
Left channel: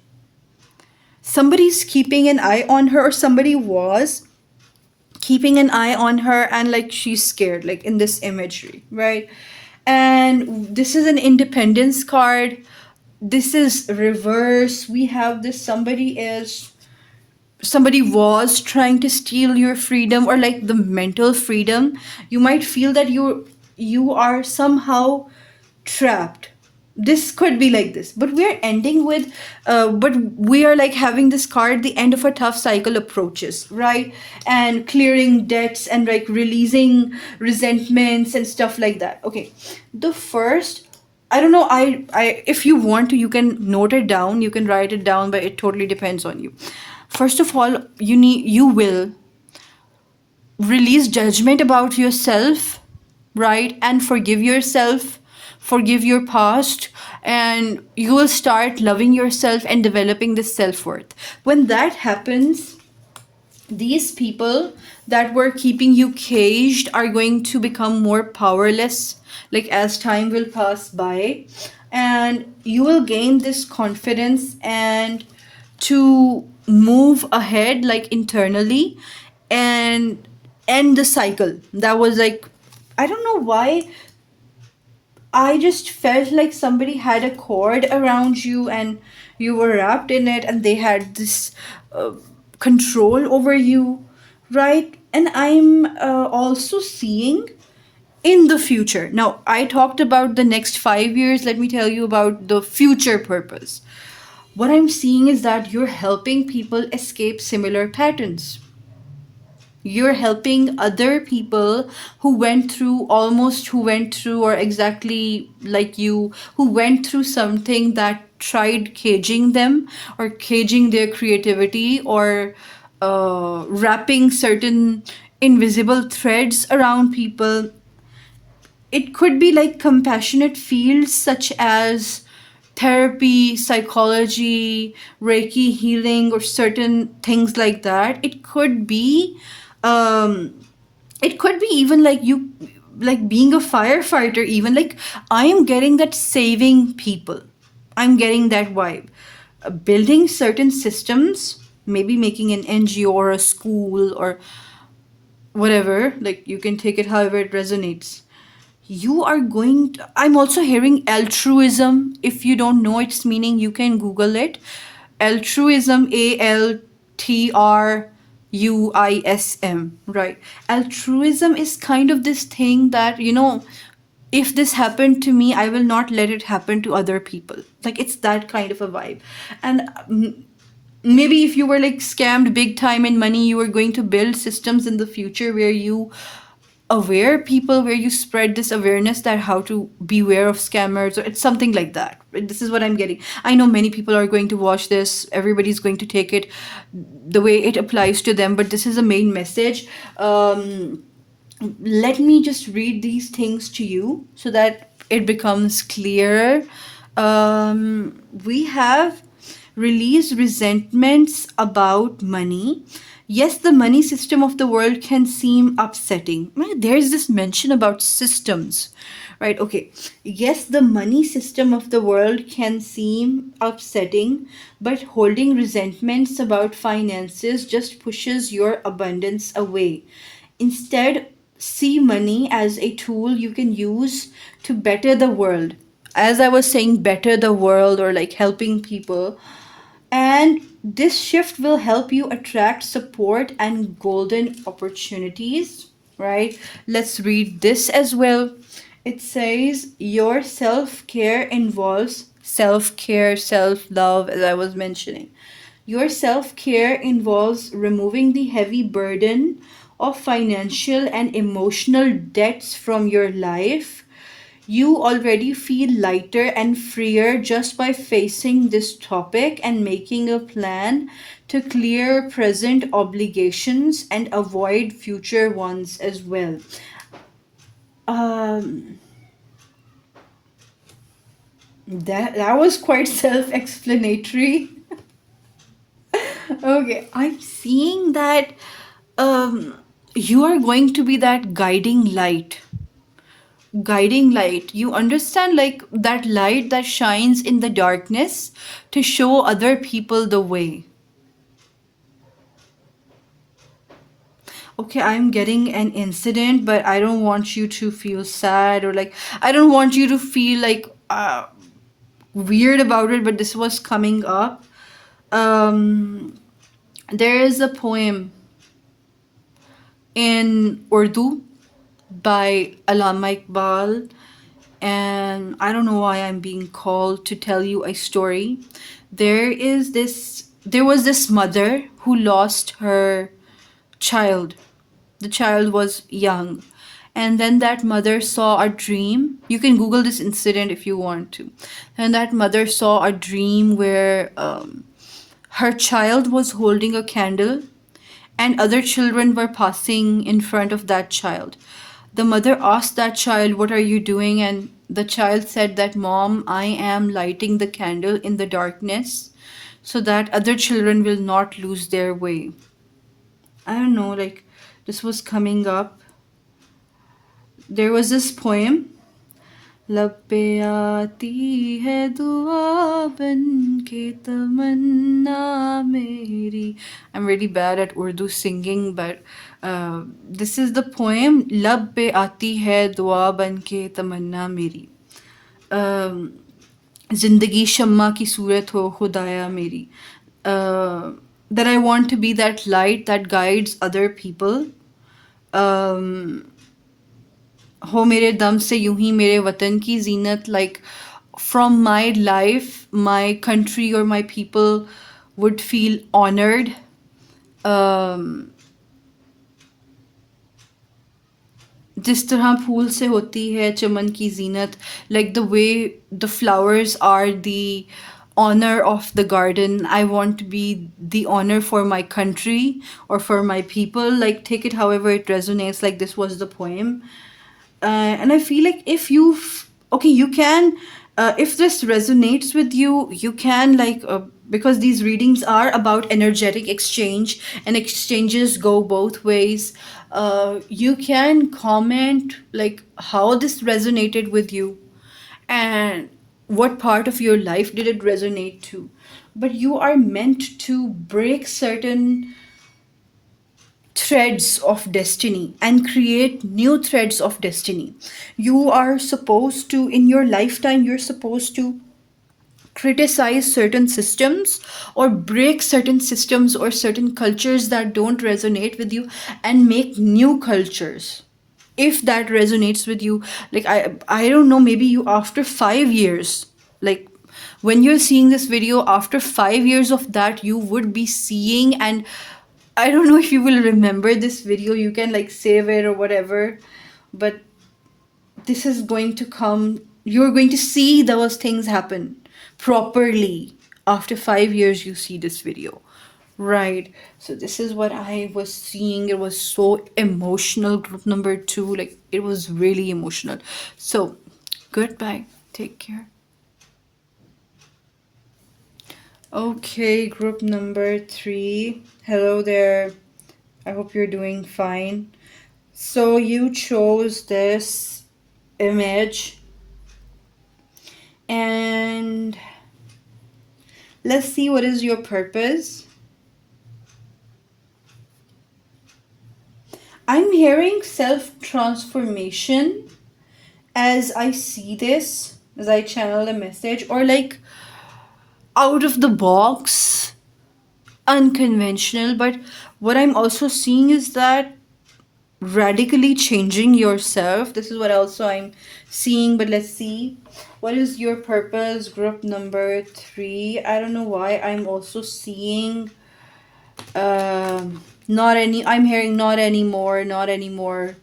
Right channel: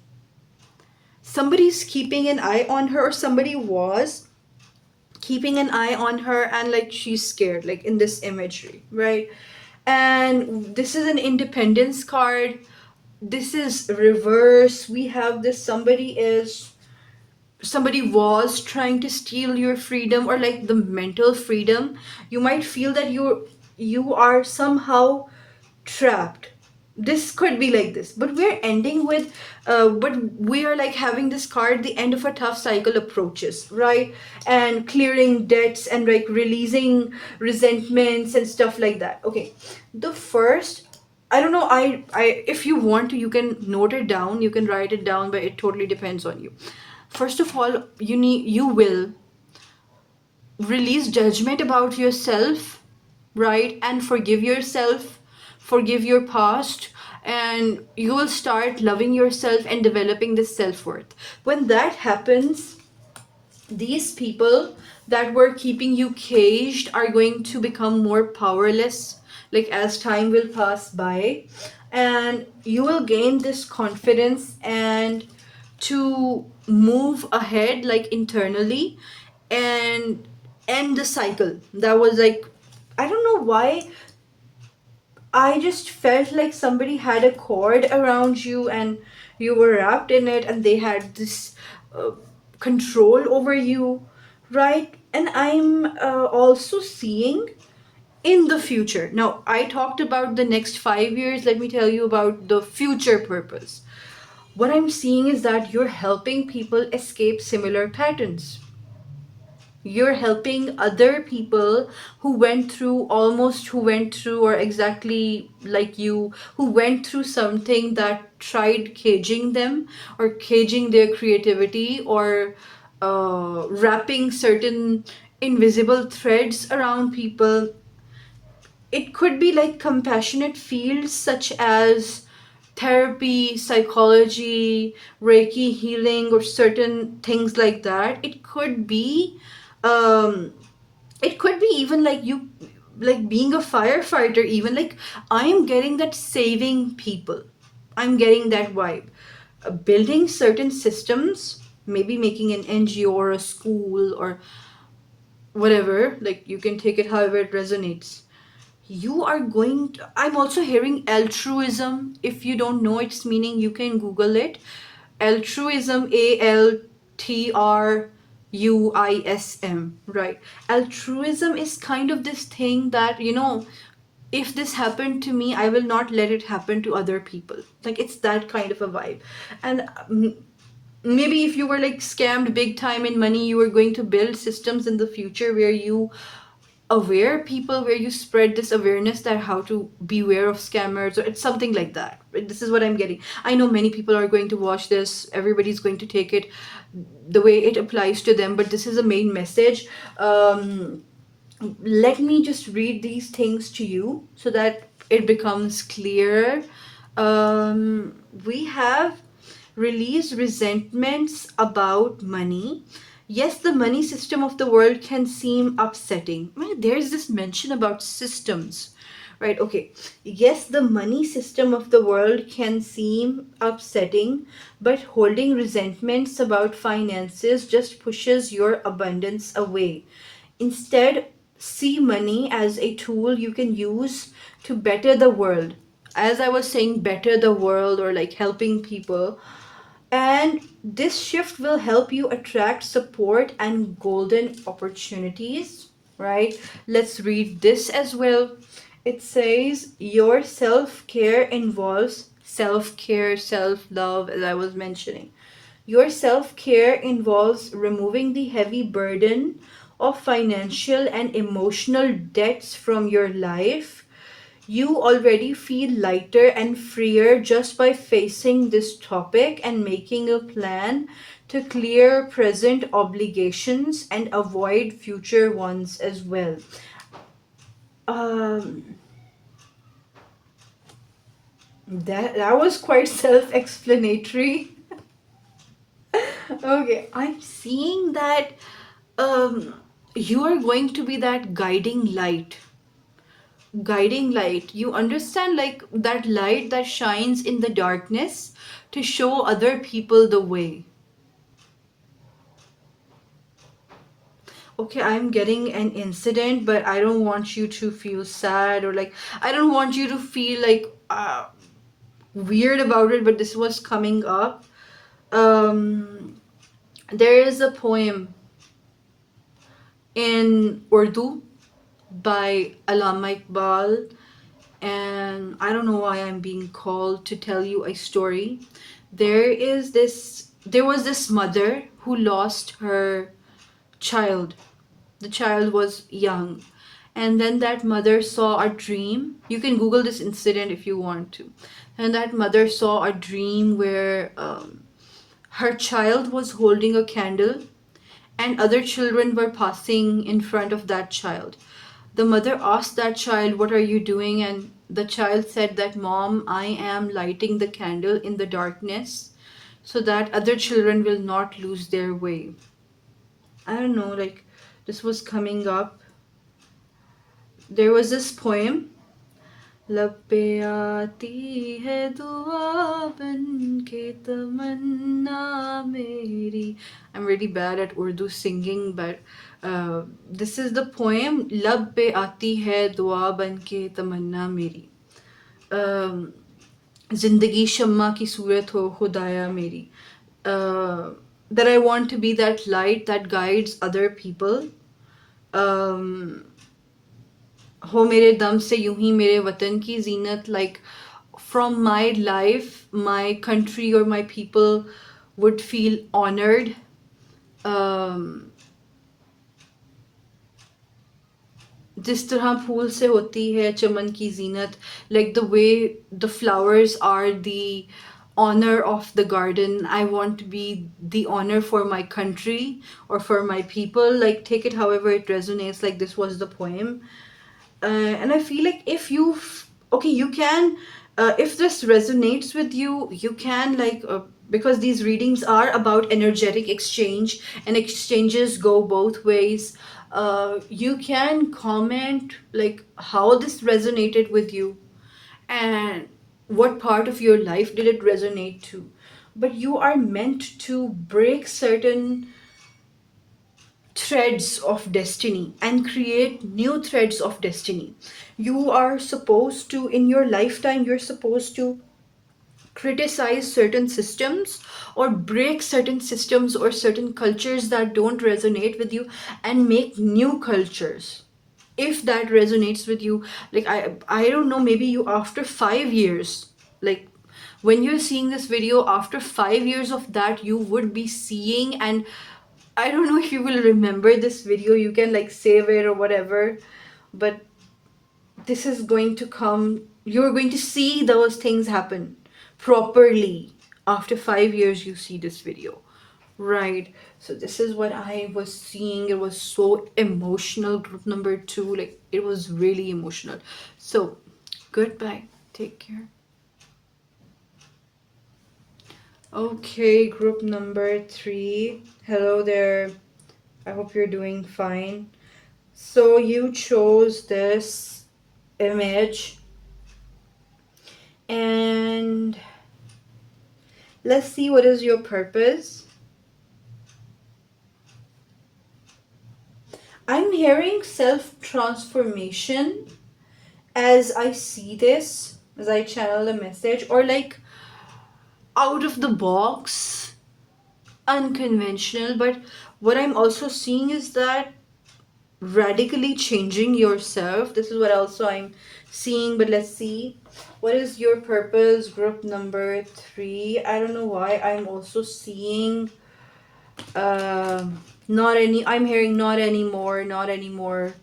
Somebody's keeping an eye on her, or somebody was keeping an eye on her, and like she's scared, like in this imagery, right? And this is an independence card. This is reverse. We have this, somebody was trying to steal your freedom, or like the mental freedom. You might feel that you are somehow trapped. This could be like this, but we're ending with but we are like having this card, the end of a tough cycle approaches, right? And clearing debts and like releasing resentments and stuff like that. Okay, the first, I don't know, I if you want to, you can note it down, you can write it down, but it totally depends on you. First of all, you will release judgment about yourself, right? And forgive yourself, forgive your past, and you will start loving yourself and developing this self-worth. When that happens, these people that were keeping you caged are going to become more powerless, like as time will pass by, and you will gain this confidence and to move ahead like internally and end the cycle that was like, I don't know why, I just felt like somebody had a cord around you and you were wrapped in it, and they had this uh, control over you, right? And I'm also seeing in the future. Now, I talked about the next 5 years. Let me tell you about the future purpose. What I'm seeing is that you're helping people escape similar patterns. You're helping other people who went through or exactly like you, who went through something that tried caging them or caging their creativity, or wrapping certain invisible threads around people. It could be like compassionate fields such as therapy, psychology, Reiki healing, or certain things like that. Um, it could be even like you, like being a firefighter, even like I am getting that saving people. I'm getting that vibe. Building certain systems, maybe making an NGO or a school or whatever, like you can take it however it resonates. You are going to, I'm also hearing altruism. If you don't know its meaning, you can Google it. Altruism, ALTRUISM, right? Altruism is kind of this thing that, if this happened to me, I will not let it happen to other people. Like it's that kind of a vibe. And maybe if you were like scammed big time in money, you were going to build systems in the future where you aware people, where you spread this awareness that how to beware of scammers, or it's something like that. This is what I'm getting. I know many people are going to watch this, everybody's going to take it the way it applies to them, but this is a main message. Let me just read these things to you so that it becomes clearer. We have released resentments about money. Yes, the money system of the world can seem upsetting. There's this mention about systems, right? Okay. Yes, the money system of the world can seem upsetting, but holding resentments about finances just pushes your abundance away. Instead, see money as a tool you can use to better the world. As I was saying, better the world, or like helping people. And this shift will help you attract support and golden opportunities, right? Let's read this as well. It says, your self care involves self care, self love, as I was mentioning. Your self care involves removing the heavy burden of financial and emotional debts from your life. You already feel lighter and freer just by facing this topic and making a plan to clear present obligations and avoid future ones as well. Um, that was quite self-explanatory. Okay, I'm seeing that um you are going to be that guiding light. You understand, like that light that shines in the darkness to show other people the way. Okay, I'm getting an incident, but I don't want you to feel sad, or like I don't want you to feel like weird about it, but this was coming up. um there is a poem in Urdu by Alama Iqbal, and I don't know why I'm being called to tell you a story. There was this mother who lost her child. The child was young. And then that mother saw a dream. You can Google this incident if you want to. And that mother saw a dream where her child was holding a candle and other children were passing in front of that child. The mother asked that child, "What are you doing?" And the child said that, "Mom, I am lighting the candle in the darkness so that other children will not lose their way." I don't know, like this was coming up. There was this poem. लब पे आती है दुआ बन के तमन्ना मेरी. I'm really bad at Urdu singing, but this is the poem. लब पे आती है दुआ बन के तमन्ना मेरी. जिंदगी शम्मा की सूरत हो खुदाया मेरी. That I want to be that light that guides other people. Um, हो मेरे दम से यूं ही मेरे वतन की जीनत, like from my life my country or my people would feel honored. um, जिस तरह फूल से होती है चमन की जीनत, like the way the flowers are the honor of the garden. I want to be the honor for my country or for my people. Like take it however it resonates. Like this was the poem. And I feel like if okay, you can, if this resonates with you, you can like, because these readings are about energetic exchange and exchanges go both ways. You can comment like how this resonated with you and what part of your life did it resonate to. But you are meant to break certain threads of destiny and create new threads of destiny. You are supposed to, in your lifetime, you're supposed to criticize certain systems or break certain systems or certain cultures that don't resonate with you and make new cultures. If that resonates with you, like I don't know, maybe you after 5 years, like when you're seeing this video after 5 years of that, you would be seeing, and I don't know if you will remember this video, you can like save it or whatever, but this is going to come, you're going to see those things happen properly after 5 years you see this video. Right. So this is what I was seeing. It was so emotional. Group number 2, like it was really emotional. So goodbye. Take care. Okay, group number 3. Hello there. I hope you're doing fine. So you chose this image, and let's see what is your purpose. I'm hearing self-transformation as I see this, as I channel a message, or like out of the box, unconventional. But what I'm also seeing is that radically changing yourself. This is what also I'm seeing, but let's see. What is your purpose? Group number 3. I don't know why I'm also seeing not any, I'm hearing not anymore, not anymore.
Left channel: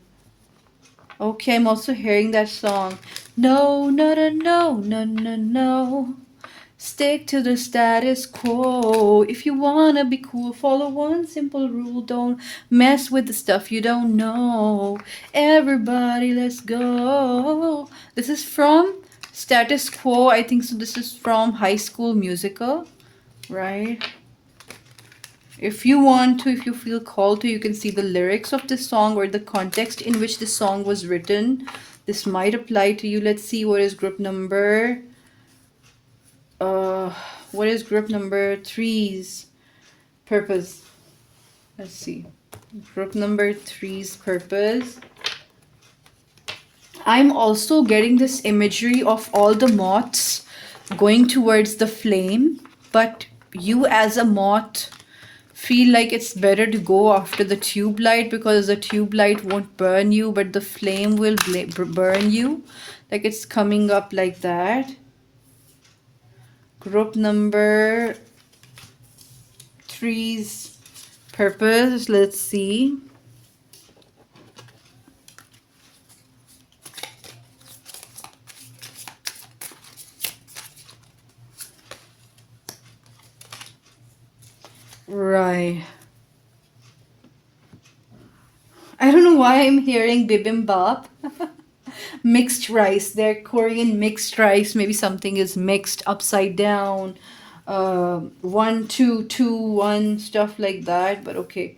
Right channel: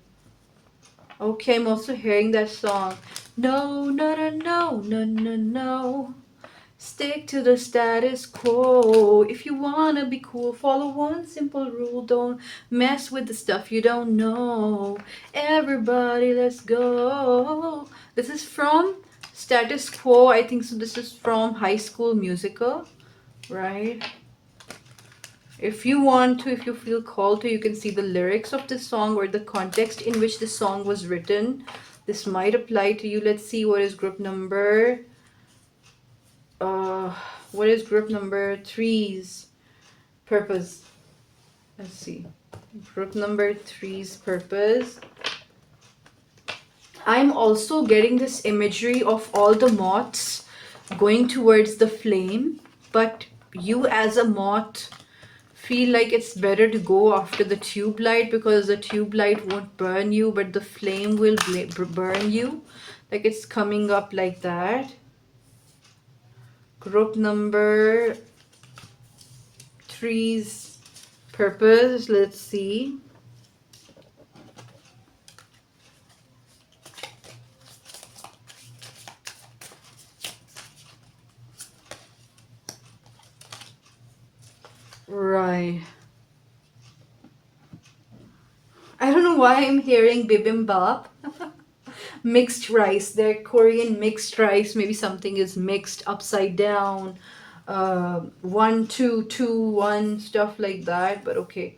Okay, I'm also hearing that song. No, no, no, no, no, no, no. Stick to the status quo. If you wanna be cool, follow one simple rule. Don't mess with the stuff you don't know. Everybody, let's go. This is from Status Quo. I think so. This is from High School Musical, right? If you want to, if you feel called to, you can see the lyrics of this song or the context in which this song was written. This might apply to you. Let's see what is group number. Uh, what is group number three's purpose? Let's see. Group number three's purpose. I'm also getting this imagery of all the moths going towards the flame, but you as a moth feel like it's better to go after the tube light because the tube light won't burn you, but the flame will burn you. Like it's coming up like that. Group number three's purpose. Let's see. Right. I don't know why I'm hearing bibimbap. Mixed rice. They're Korean mixed rice. Maybe something is mixed upside down. 1, 2, 2, 1, stuff like that. But okay.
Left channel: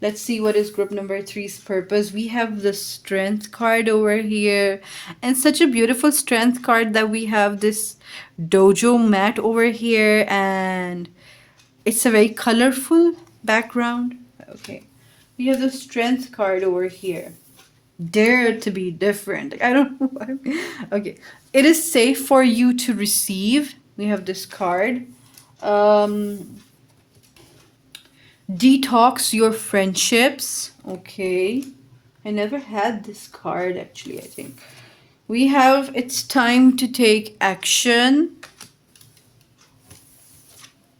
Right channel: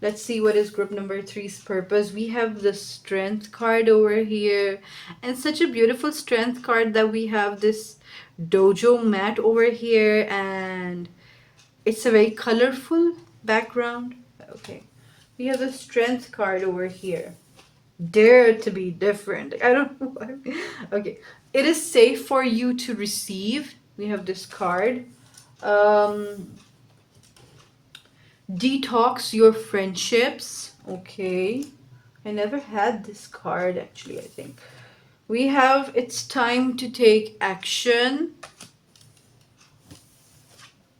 Let's see what is group number three's purpose. We have the strength card over here. And such a beautiful strength card that we have this dojo mat over here. And it's a very colorful background. Okay. We have the strength card over here. Dare to be different. I don't know why. Okay. It is safe for you to receive. We have this card. Detox your friendships. Okay. I never had this card actually, I think. We have it's time to take action.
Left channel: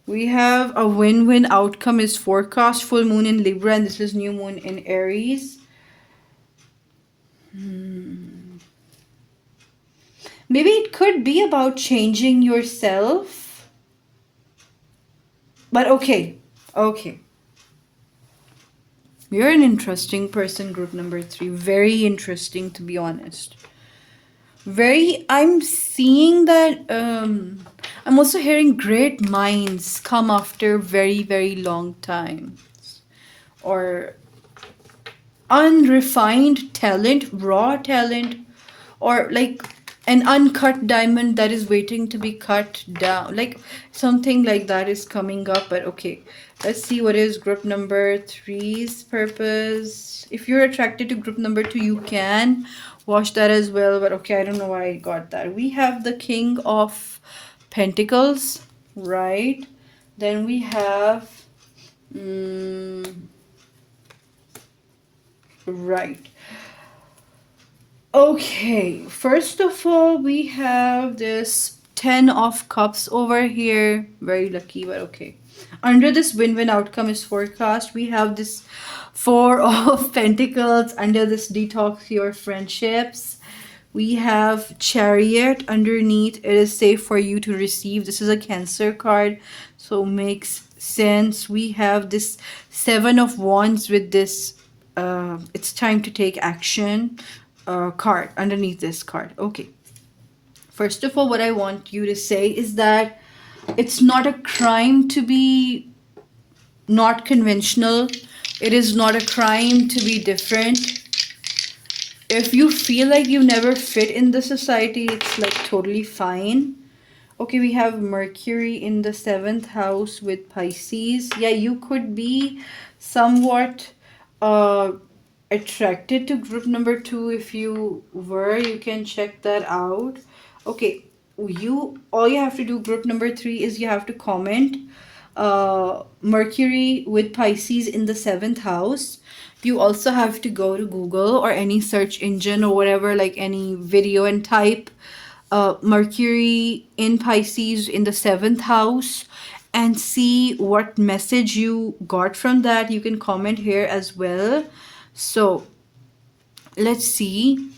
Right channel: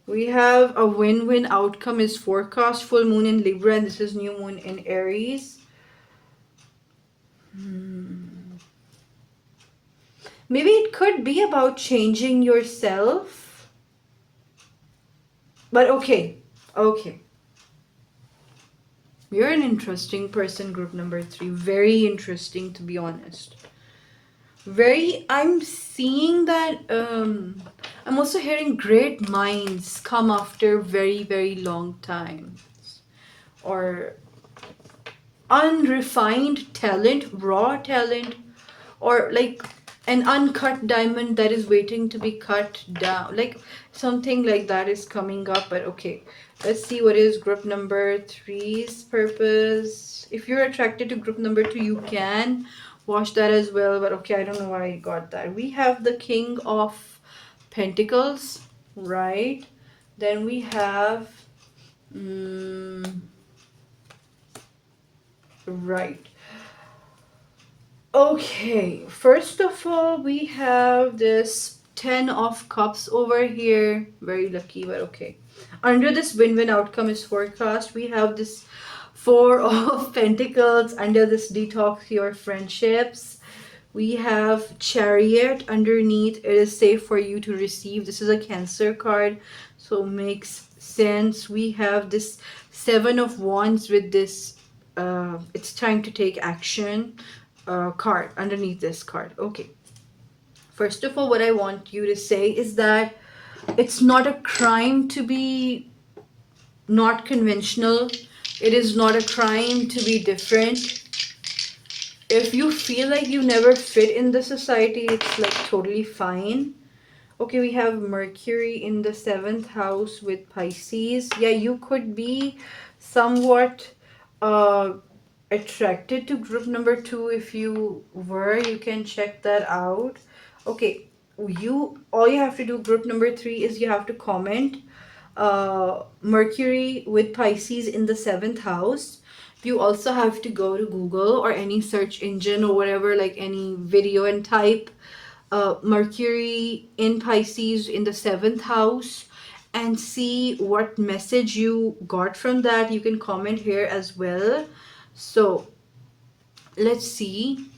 We have a win-win outcome is forecast. Full moon in Libra and this is new moon in Aries. Maybe it could be about changing yourself. But okay. Okay. You're an interesting person, group number three. Very interesting, to be honest. I'm seeing that, I'm also hearing great minds come after very, very long time. Or unrefined talent, raw talent, or like an uncut diamond that is waiting to be cut down. Like something like that is coming up. But okay, let's see what is group number three's purpose. If you're attracted to group number two, you can watch that as well. But okay, I don't know why I got that. We have the King of Pentacles, right? Then we have right. Okay, first of all, we have this 10 of Cups over here. Very lucky, but okay. Under this win-win outcome is forecast. We have this 4 of Pentacles under this detox your friendships. We have Chariot underneath. It is safe for you to receive. This is a Cancer card, so makes sense. We have this 7 of Wands with this it's time to take action card underneath this card. Okay. First of all, what I want you to say is that it's not a crime to be not conventional. It is not a crime to be different. If you feel like you never fit in the society, it's like totally fine. Okay, we have Mercury in the 7th house with Pisces. Yeah, you could be somewhat attracted to group number two. If you were, you can check that out. Okay, all you have to do, group number three, is you have to comment Mercury with Pisces in the 7th house. You also have to go to Google or any search engine or whatever, like any video, and type Mercury in Pisces in the 7th house and see what message you got from that. You can comment here as well. So let's see.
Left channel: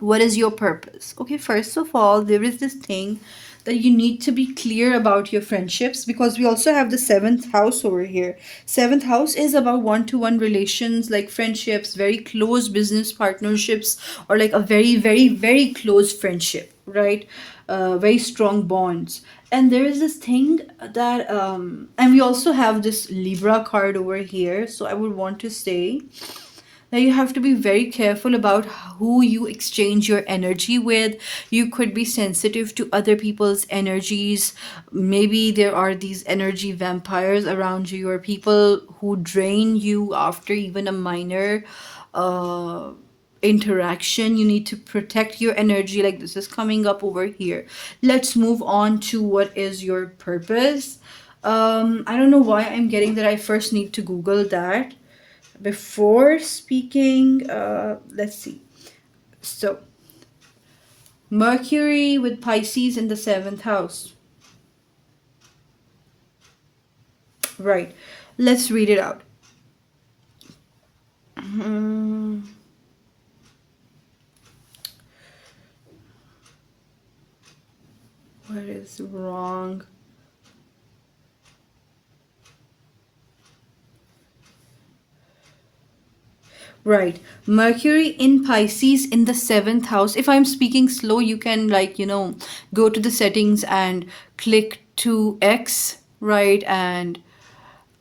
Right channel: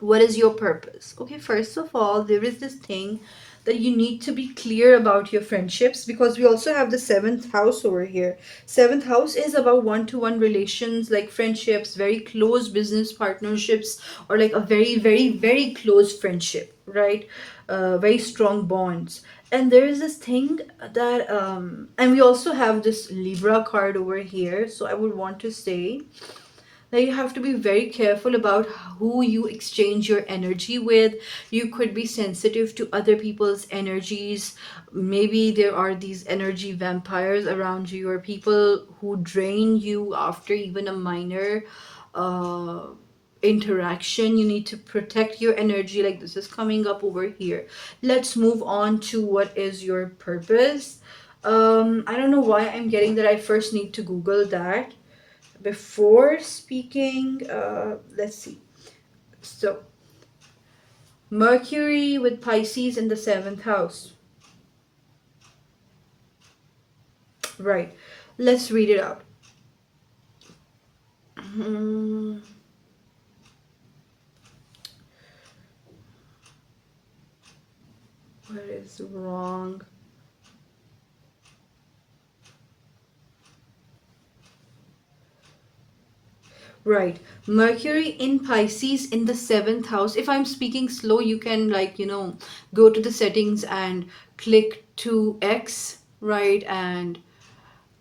What is your purpose? Okay, first of all, there is this thing that you need to be clear about your friendships, because we also have the seventh house over here. Seventh house is about one-to-one relations, like friendships, very close business partnerships, or like a very, very, very close friendship, right? Very strong bonds. And there is this thing that, and we also have this Libra card over here. So I would want to say now you have to be very careful about who you exchange your energy with. You could be sensitive to other people's energies. Maybe there are these energy vampires around you, or people who drain you after even a minor uh, interaction. You need to protect your energy, like this is coming up over here. Let's move on to what is your purpose. I don't know why I'm getting that. I first need to Google that before speaking. Let's see. So Mercury with Pisces in the seventh house, right? Let's read it out. Hmm, what is wrong? Right. Mercury in Pisces in the seventh house. If I'm speaking slow, you can, like, go to the settings and click to X, right? And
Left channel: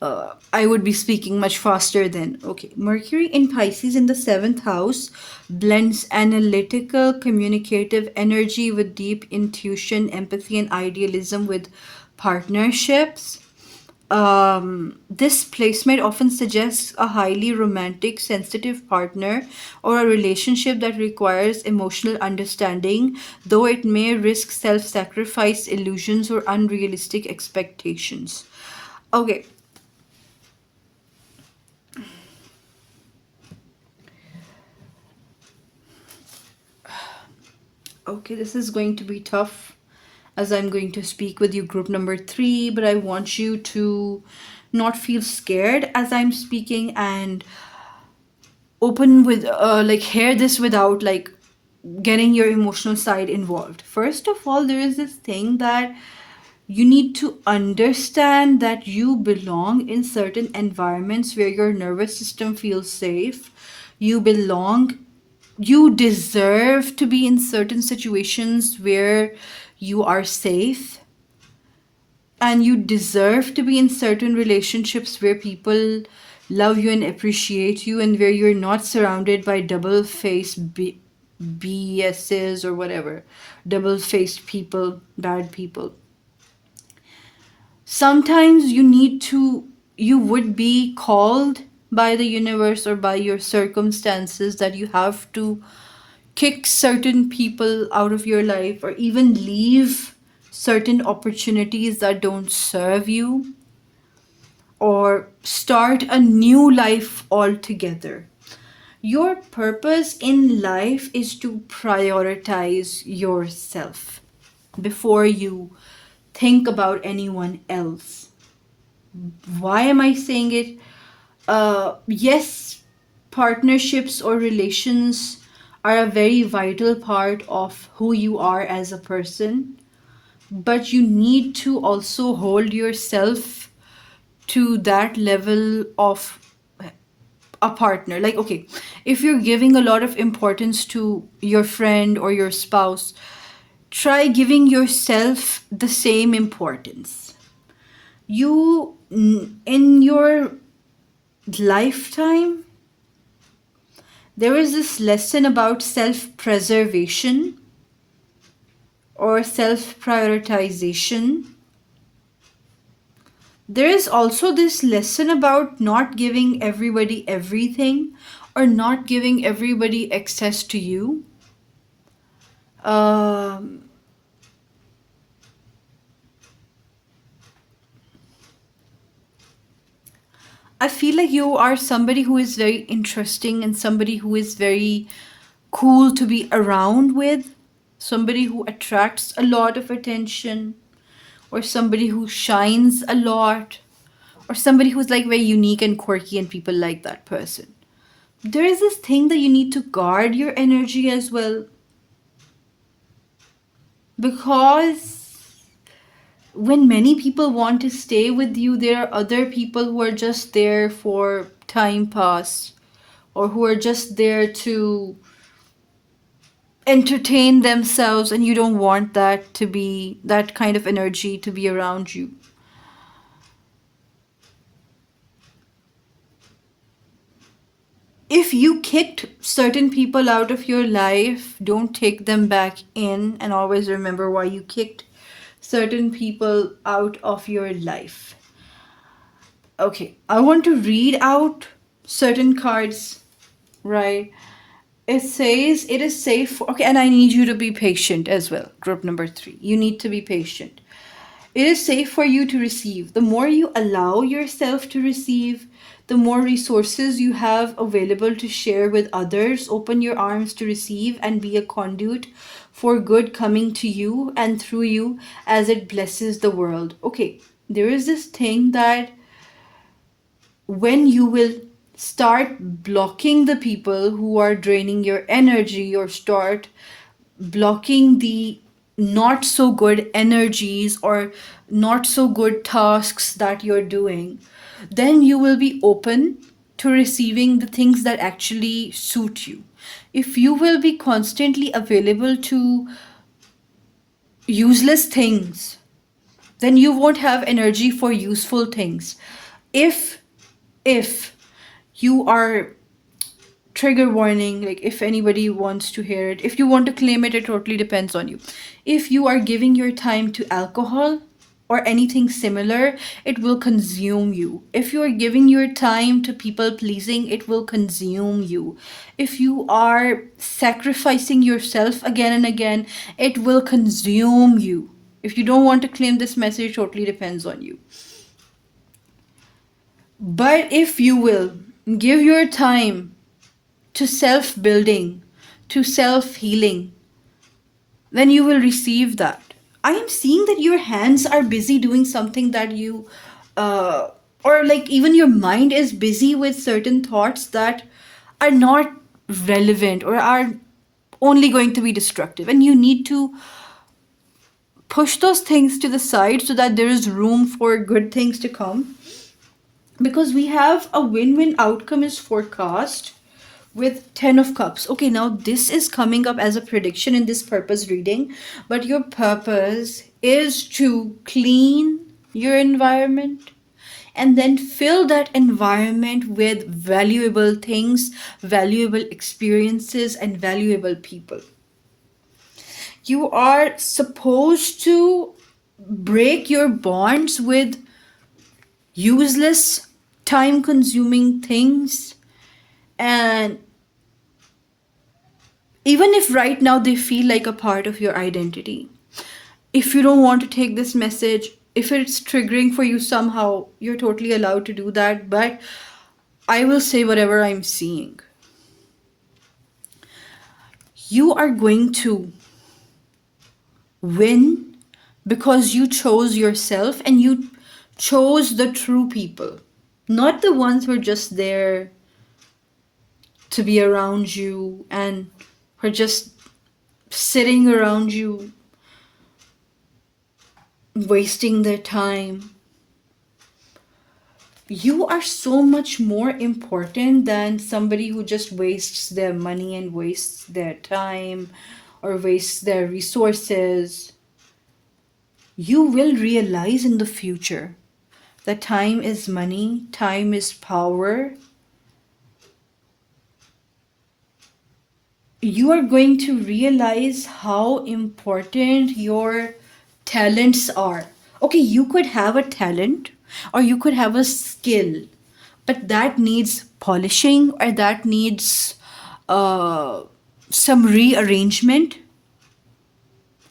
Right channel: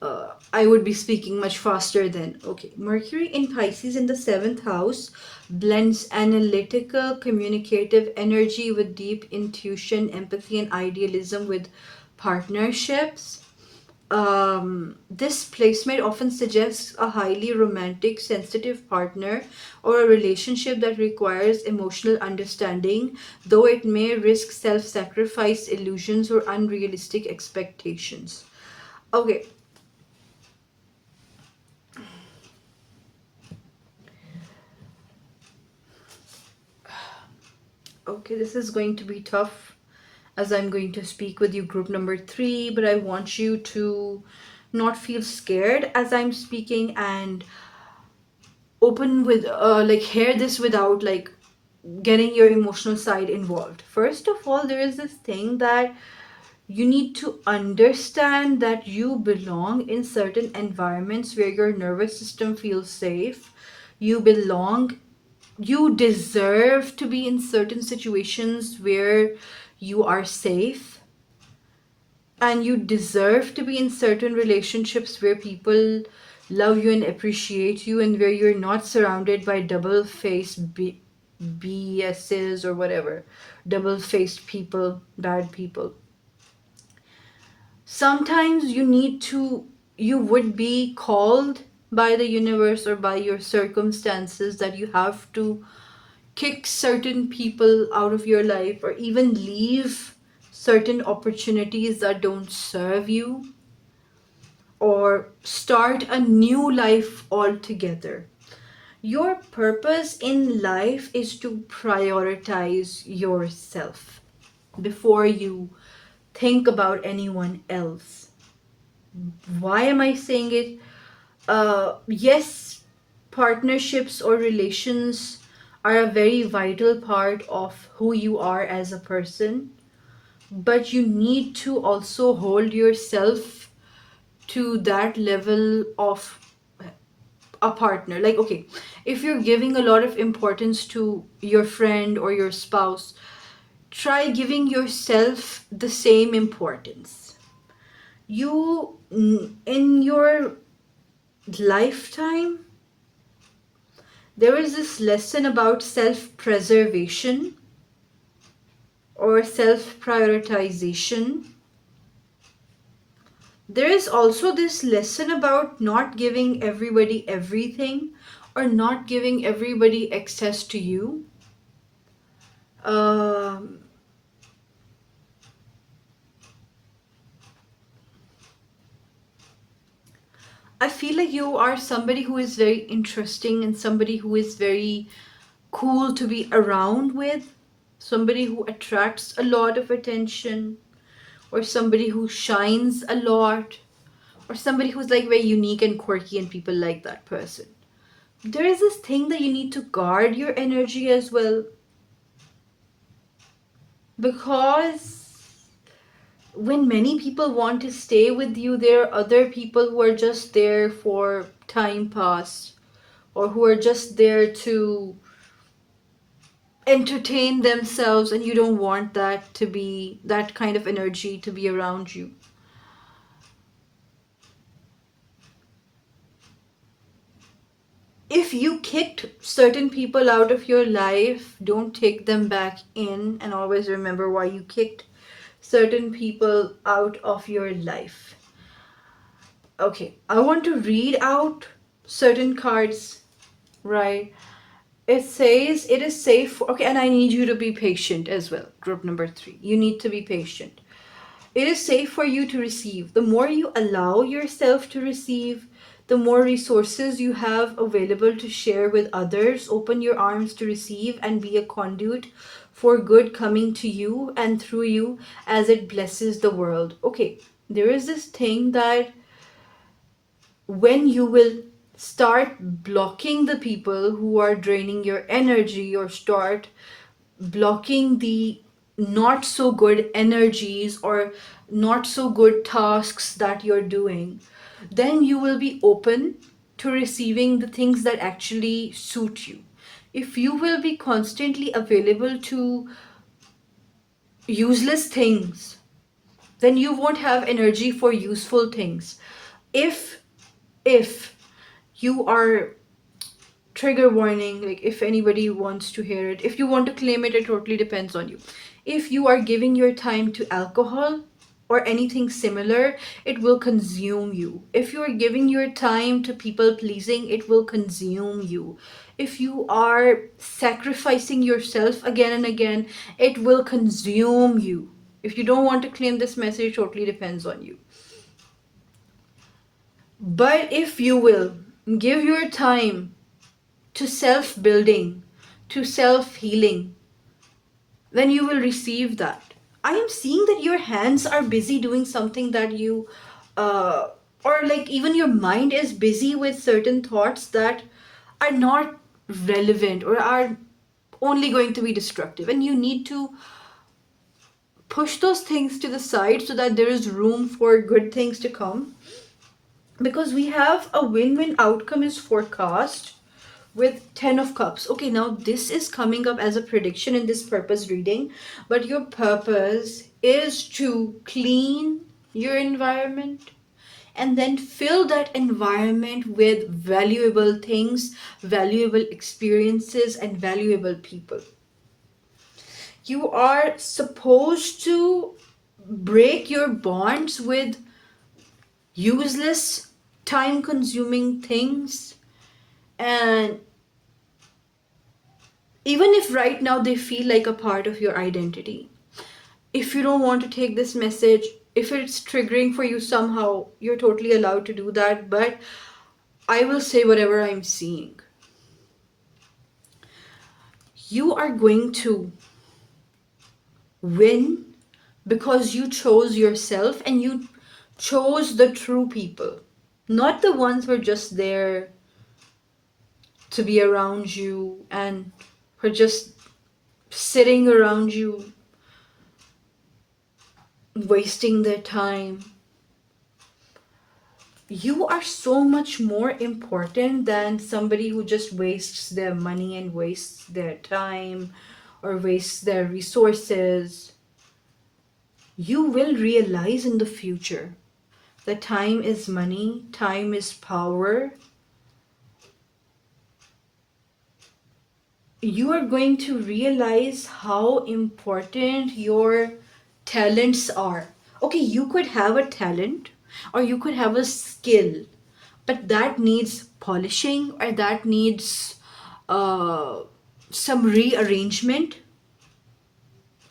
I would be speaking much faster then. Okay. Mercury in Pisces in the seventh house blends analytical, communicative energy with deep intuition, empathy, and idealism with partnerships. This placement often suggests a highly romantic, sensitive partner, or a relationship that requires emotional understanding, though it may risk self sacrifice, illusions, or unrealistic expectations. Okay, okay, this is going to be tough as I'm going to speak with you, group number three, but I want you to not feel scared as I'm speaking, and open with like hear this without like getting your emotional side involved. First of all, there is this thing that you need to understand that you belong in certain environments where your nervous system feels safe. You deserve to be in certain situations where you are safe, and you deserve to be in certain relationships where people love you and appreciate you, and where you're not surrounded by double faced BSs or whatever, double faced people, bad people. Sometimes you would be called by the universe or by your circumstances that you have to kick certain people out of your life, or even leave certain opportunities that don't serve you, or start a new life altogether. Your purpose in life is to prioritize yourself before you think about anyone else. Why am I saying it? Yes, partnerships or relations are a very vital part of who you are as a person, but you need to also hold yourself to that level of a partner. Like, okay, if you're giving a lot of importance to your friend or your spouse, try giving yourself the same importance. In your lifetime, there is this lesson about self preservation or self prioritization. There is also this lesson about not giving everybody everything, or not giving everybody access to you. Um, I feel like you are somebody who is very interesting, and somebody who is very cool to be around with, somebody who attracts a lot of attention, or somebody who shines a lot, or somebody who's like very unique and quirky, and people like that person. There is this thing that you need to guard your energy as well, because when many people want to stay with you, there are other people who are just there for time pass, or who are just there to entertain themselves, and you don't want that to be that kind of energy to be around you. If you kicked certain people out of your life, don't take them back in, and always remember why you kicked certain people out of your life. Okay, I want to read out certain cards, right? It says it is safe. Okay, and I need you to be patient as well. Group number 3. You need to be patient. It is safe for you to receive. The more you allow yourself to receive, the more resources you have available to share with others. Open your arms to receive and be a conduit for good coming to you and through you as it blesses the world. Okay, there is this thing that when you will start blocking the people who are draining your energy, or start blocking the not so good energies or not so good tasks that you're doing, then you will be open to receiving the things that actually suit you. If you will be constantly available to useless things, then you won't have energy for useful things. If you are, trigger warning, like if anybody wants to hear it, if you want to claim it, it totally depends on you. If you are giving your time to alcohol or anything similar, it will consume you. If you are giving your time to people pleasing, it will consume you. If you are sacrificing yourself again and again, it will consume you. If you don't want to claim this message, totally depends on you. But if you will give your time to self building, to self healing, then you will receive that. I am seeing that your hands are busy doing something that you, or like even your mind is busy with certain thoughts that are not relevant or are only going to be destructive. And you need to push those things to the side so that there is room for good things to come. Because we have a win win outcome is forecast with 10 of cups. Okay, now this is coming up as a prediction in this purpose reading, but your purpose is to clean your environment and then fill that environment with valuable things, valuable experiences, and valuable people. You are supposed to break your bonds with useless, time consuming things. And even if right now they feel like a part of your identity, if you don't want to take this message, if it's triggering for you somehow, you're totally allowed to do that. But I will say whatever I'm seeing. You are going to win because you chose yourself and you chose the true people, not the ones who are just there to be around you and who are just sitting around you wasting their time. You are so much more important than somebody who just wastes their money and wastes their time or wastes their resources. You will realize in the future that time is money, time is power. You are going to realize how important your talents are. Okay, you could have a talent or you could have a skill, but that needs polishing or that needs some rearrangement.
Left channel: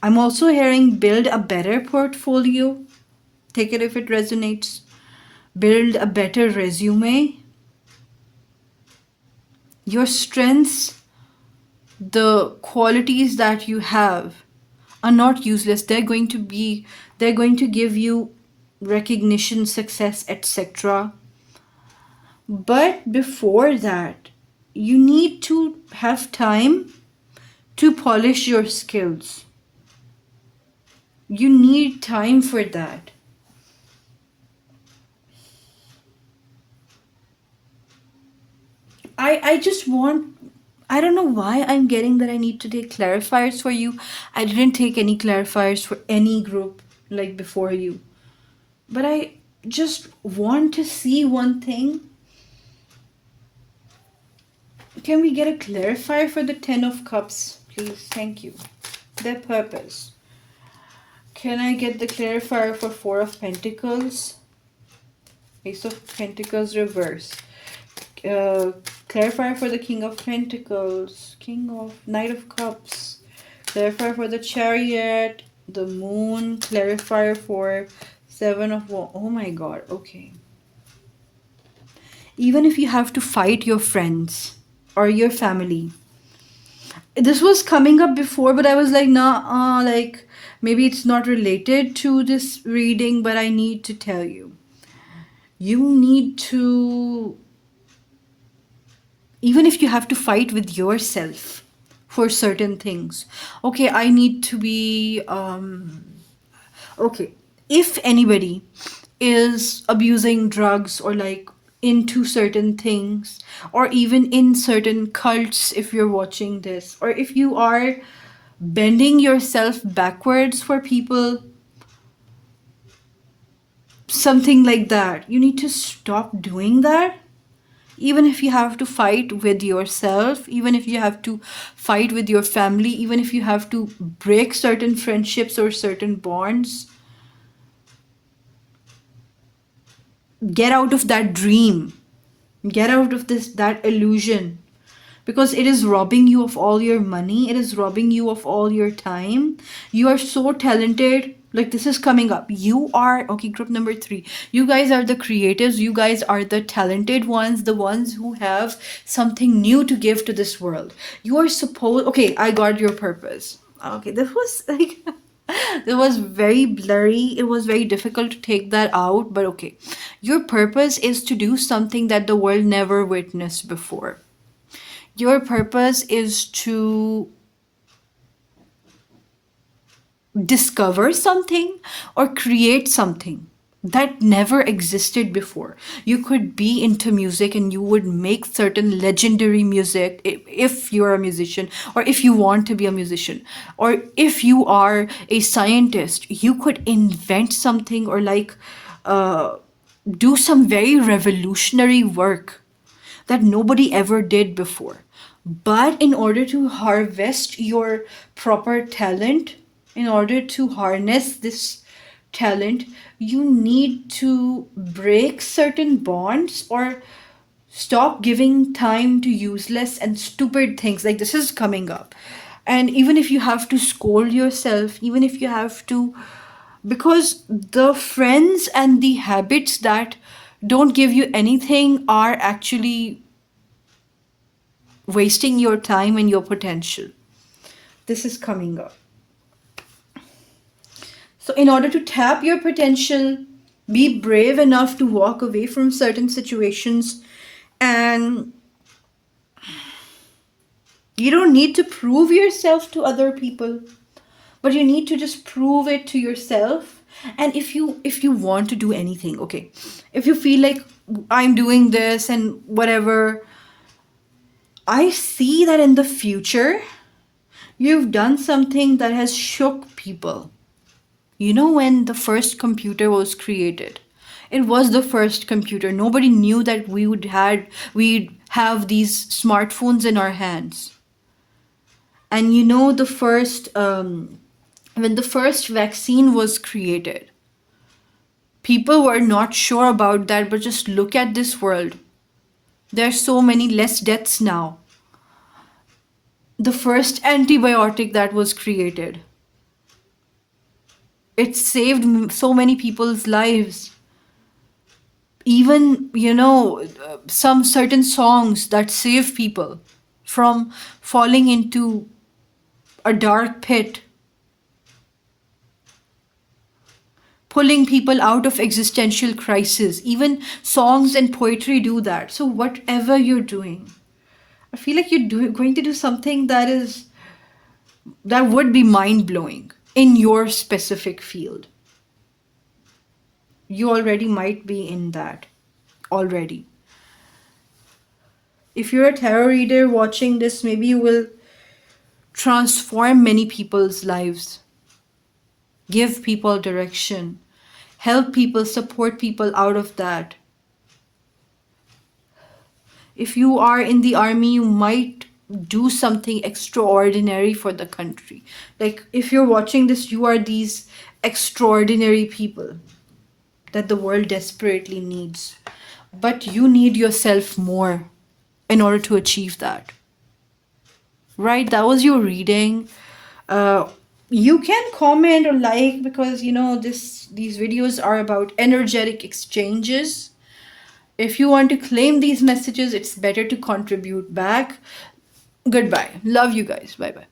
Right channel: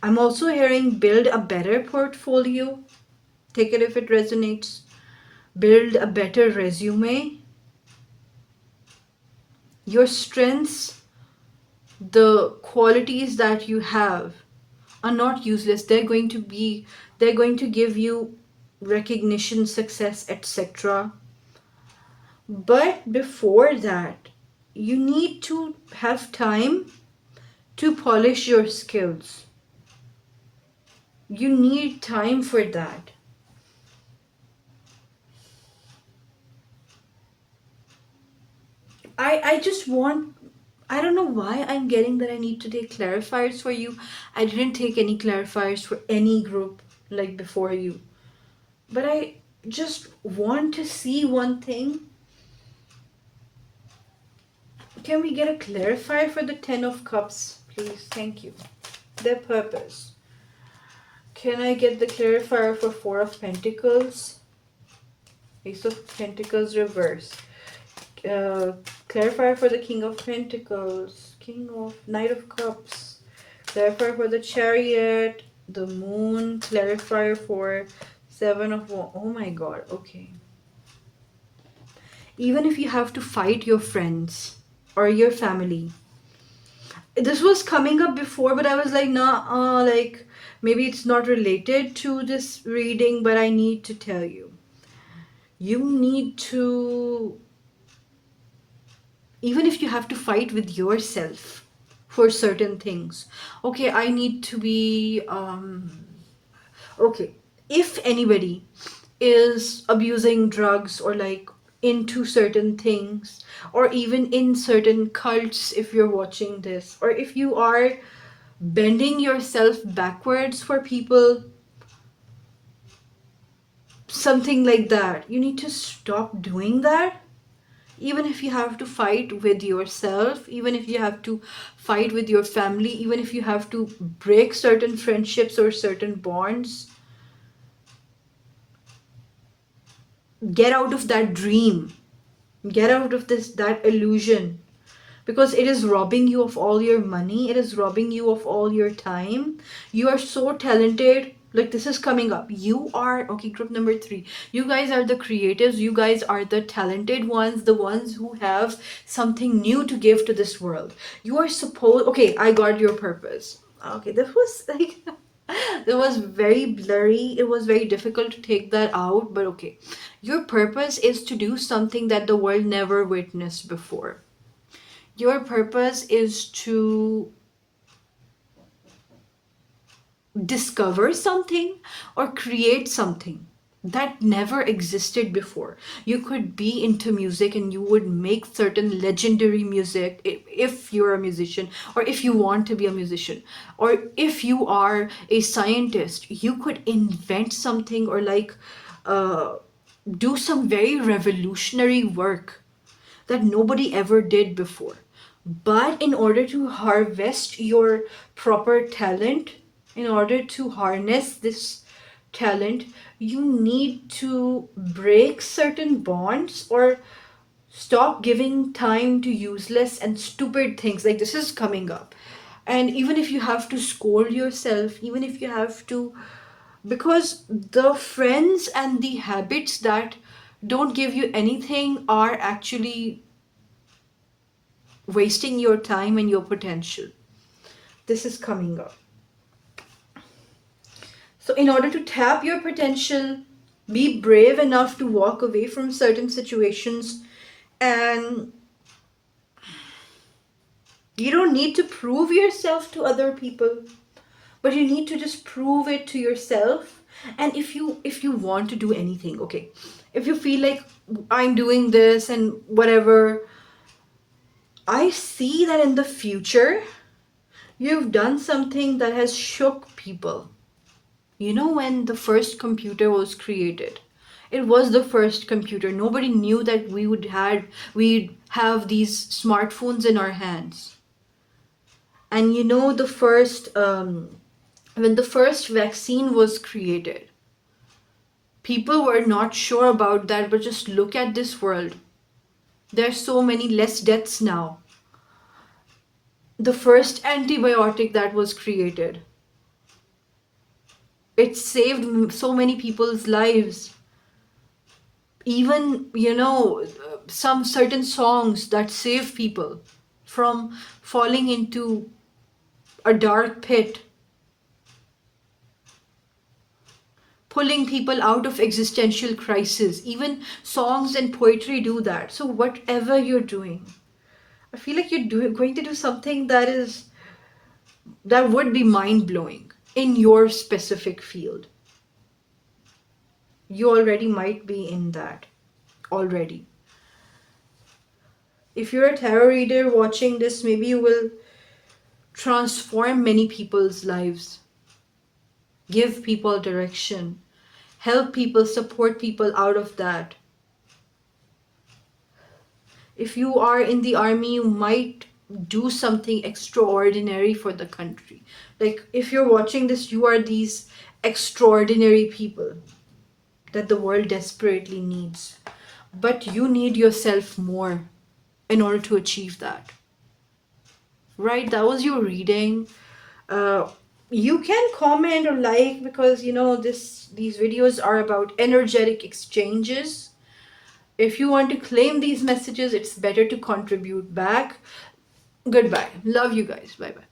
I'm also hearing build a better portfolio. Take it if it resonates. Build a better resume. Your strengths, the qualities that you have, are not useless. They're going to give you recognition, success, etc. But before that, you need to have time to polish your skills. You need time for that. I just want, I don't know why I'm getting that I need to take clarifiers for you. I didn't take any clarifiers for any group like before you. But I just want to see one thing. Can we get a clarifier for the 10 of Cups, please? Thank you. Their purpose. Can I get the clarifier for 4 of Pentacles? Ace of Pentacles reverse. Uh, Clarifier for the King of Pentacles. Knight of Cups. Clarifier for the Chariot. The Moon. Clarifier for 7 of Wands. Oh my god, okay. Even if you have to fight your friends or your family. This was coming up before, but I was like, nah, like maybe it's not related to this reading, but I need to tell you. You need to, even if you have to fight with yourself for certain things. Okay, I need to be, okay, if anybody is abusing drugs or like into certain things, or even in certain cults, if you're watching this, or if you are bending yourself backwards for people, something like that, you need to stop doing that. Even if you have to fight with yourself, even if you have to fight with your family, even if you have to break certain friendships or certain bonds, get out of that dream, get out of that illusion, because it is robbing you of all your money, it is robbing you of all your time. You are so talented, like this is coming up. You are, okay, group number 3, you guys are the creatives, you guys are the talented ones, the ones who have something new to give to this world. You are supposed, okay, I got your purpose. Okay, this was like it was very blurry, it was very difficult to take that out, but okay. Your purpose is to do something that the world never witnessed before. Your purpose is to discover something or create something that never existed before. You could be into music and you would make certain legendary music if you're a musician, or if you want to be a musician, or if you are a scientist, you could invent something, or like uh, do some very revolutionary work that nobody ever did before. But in order to harvest your proper talent, in order to harness this talent, you need to break certain bonds or stop giving time to useless and stupid things. Like this is coming up. And even if you have to scold yourself, even if you have to, because the friends and the habits that don't give you anything are actually wasting your time and your potential. This is coming up. So, in order to tap your potential, be brave enough to walk away from certain situations, and you don't need to prove yourself to other people, but you need to just prove it to yourself. And if you want to do anything, okay, if you feel like I'm doing this and whatever, I see that in the future you've done something that has shook people. You know, when the first computer was created, it was the first computer. Nobody knew that we'd have these smartphones in our hands. And you know, the first when the first vaccine was created, people were not sure about that, but just look at this world. There are so many less deaths now. The first antibiotic that was created, it saved so many people's lives. Even, you know, some certain songs that save people from falling into a dark pit, pulling people out of existential crisis. Even songs and poetry do that. So whatever you're doing, I feel like going to do something that would be mind blowing. in your specific field. You already might be in that already. If you're a tarot reader watching this, maybe you will transform many people's lives, give people direction, help people, support people out of that. If you are in the army, you might do something extraordinary for the country. Like, if you're watching this, you are these extraordinary people that the world desperately needs. But you need yourself more in order to achieve that. Right? That was your reading. Uh, you can comment or like, because you know these videos are about energetic exchanges. If you want to claim these messages, it's better to contribute back. Goodbye. Love you guys. Bye bye.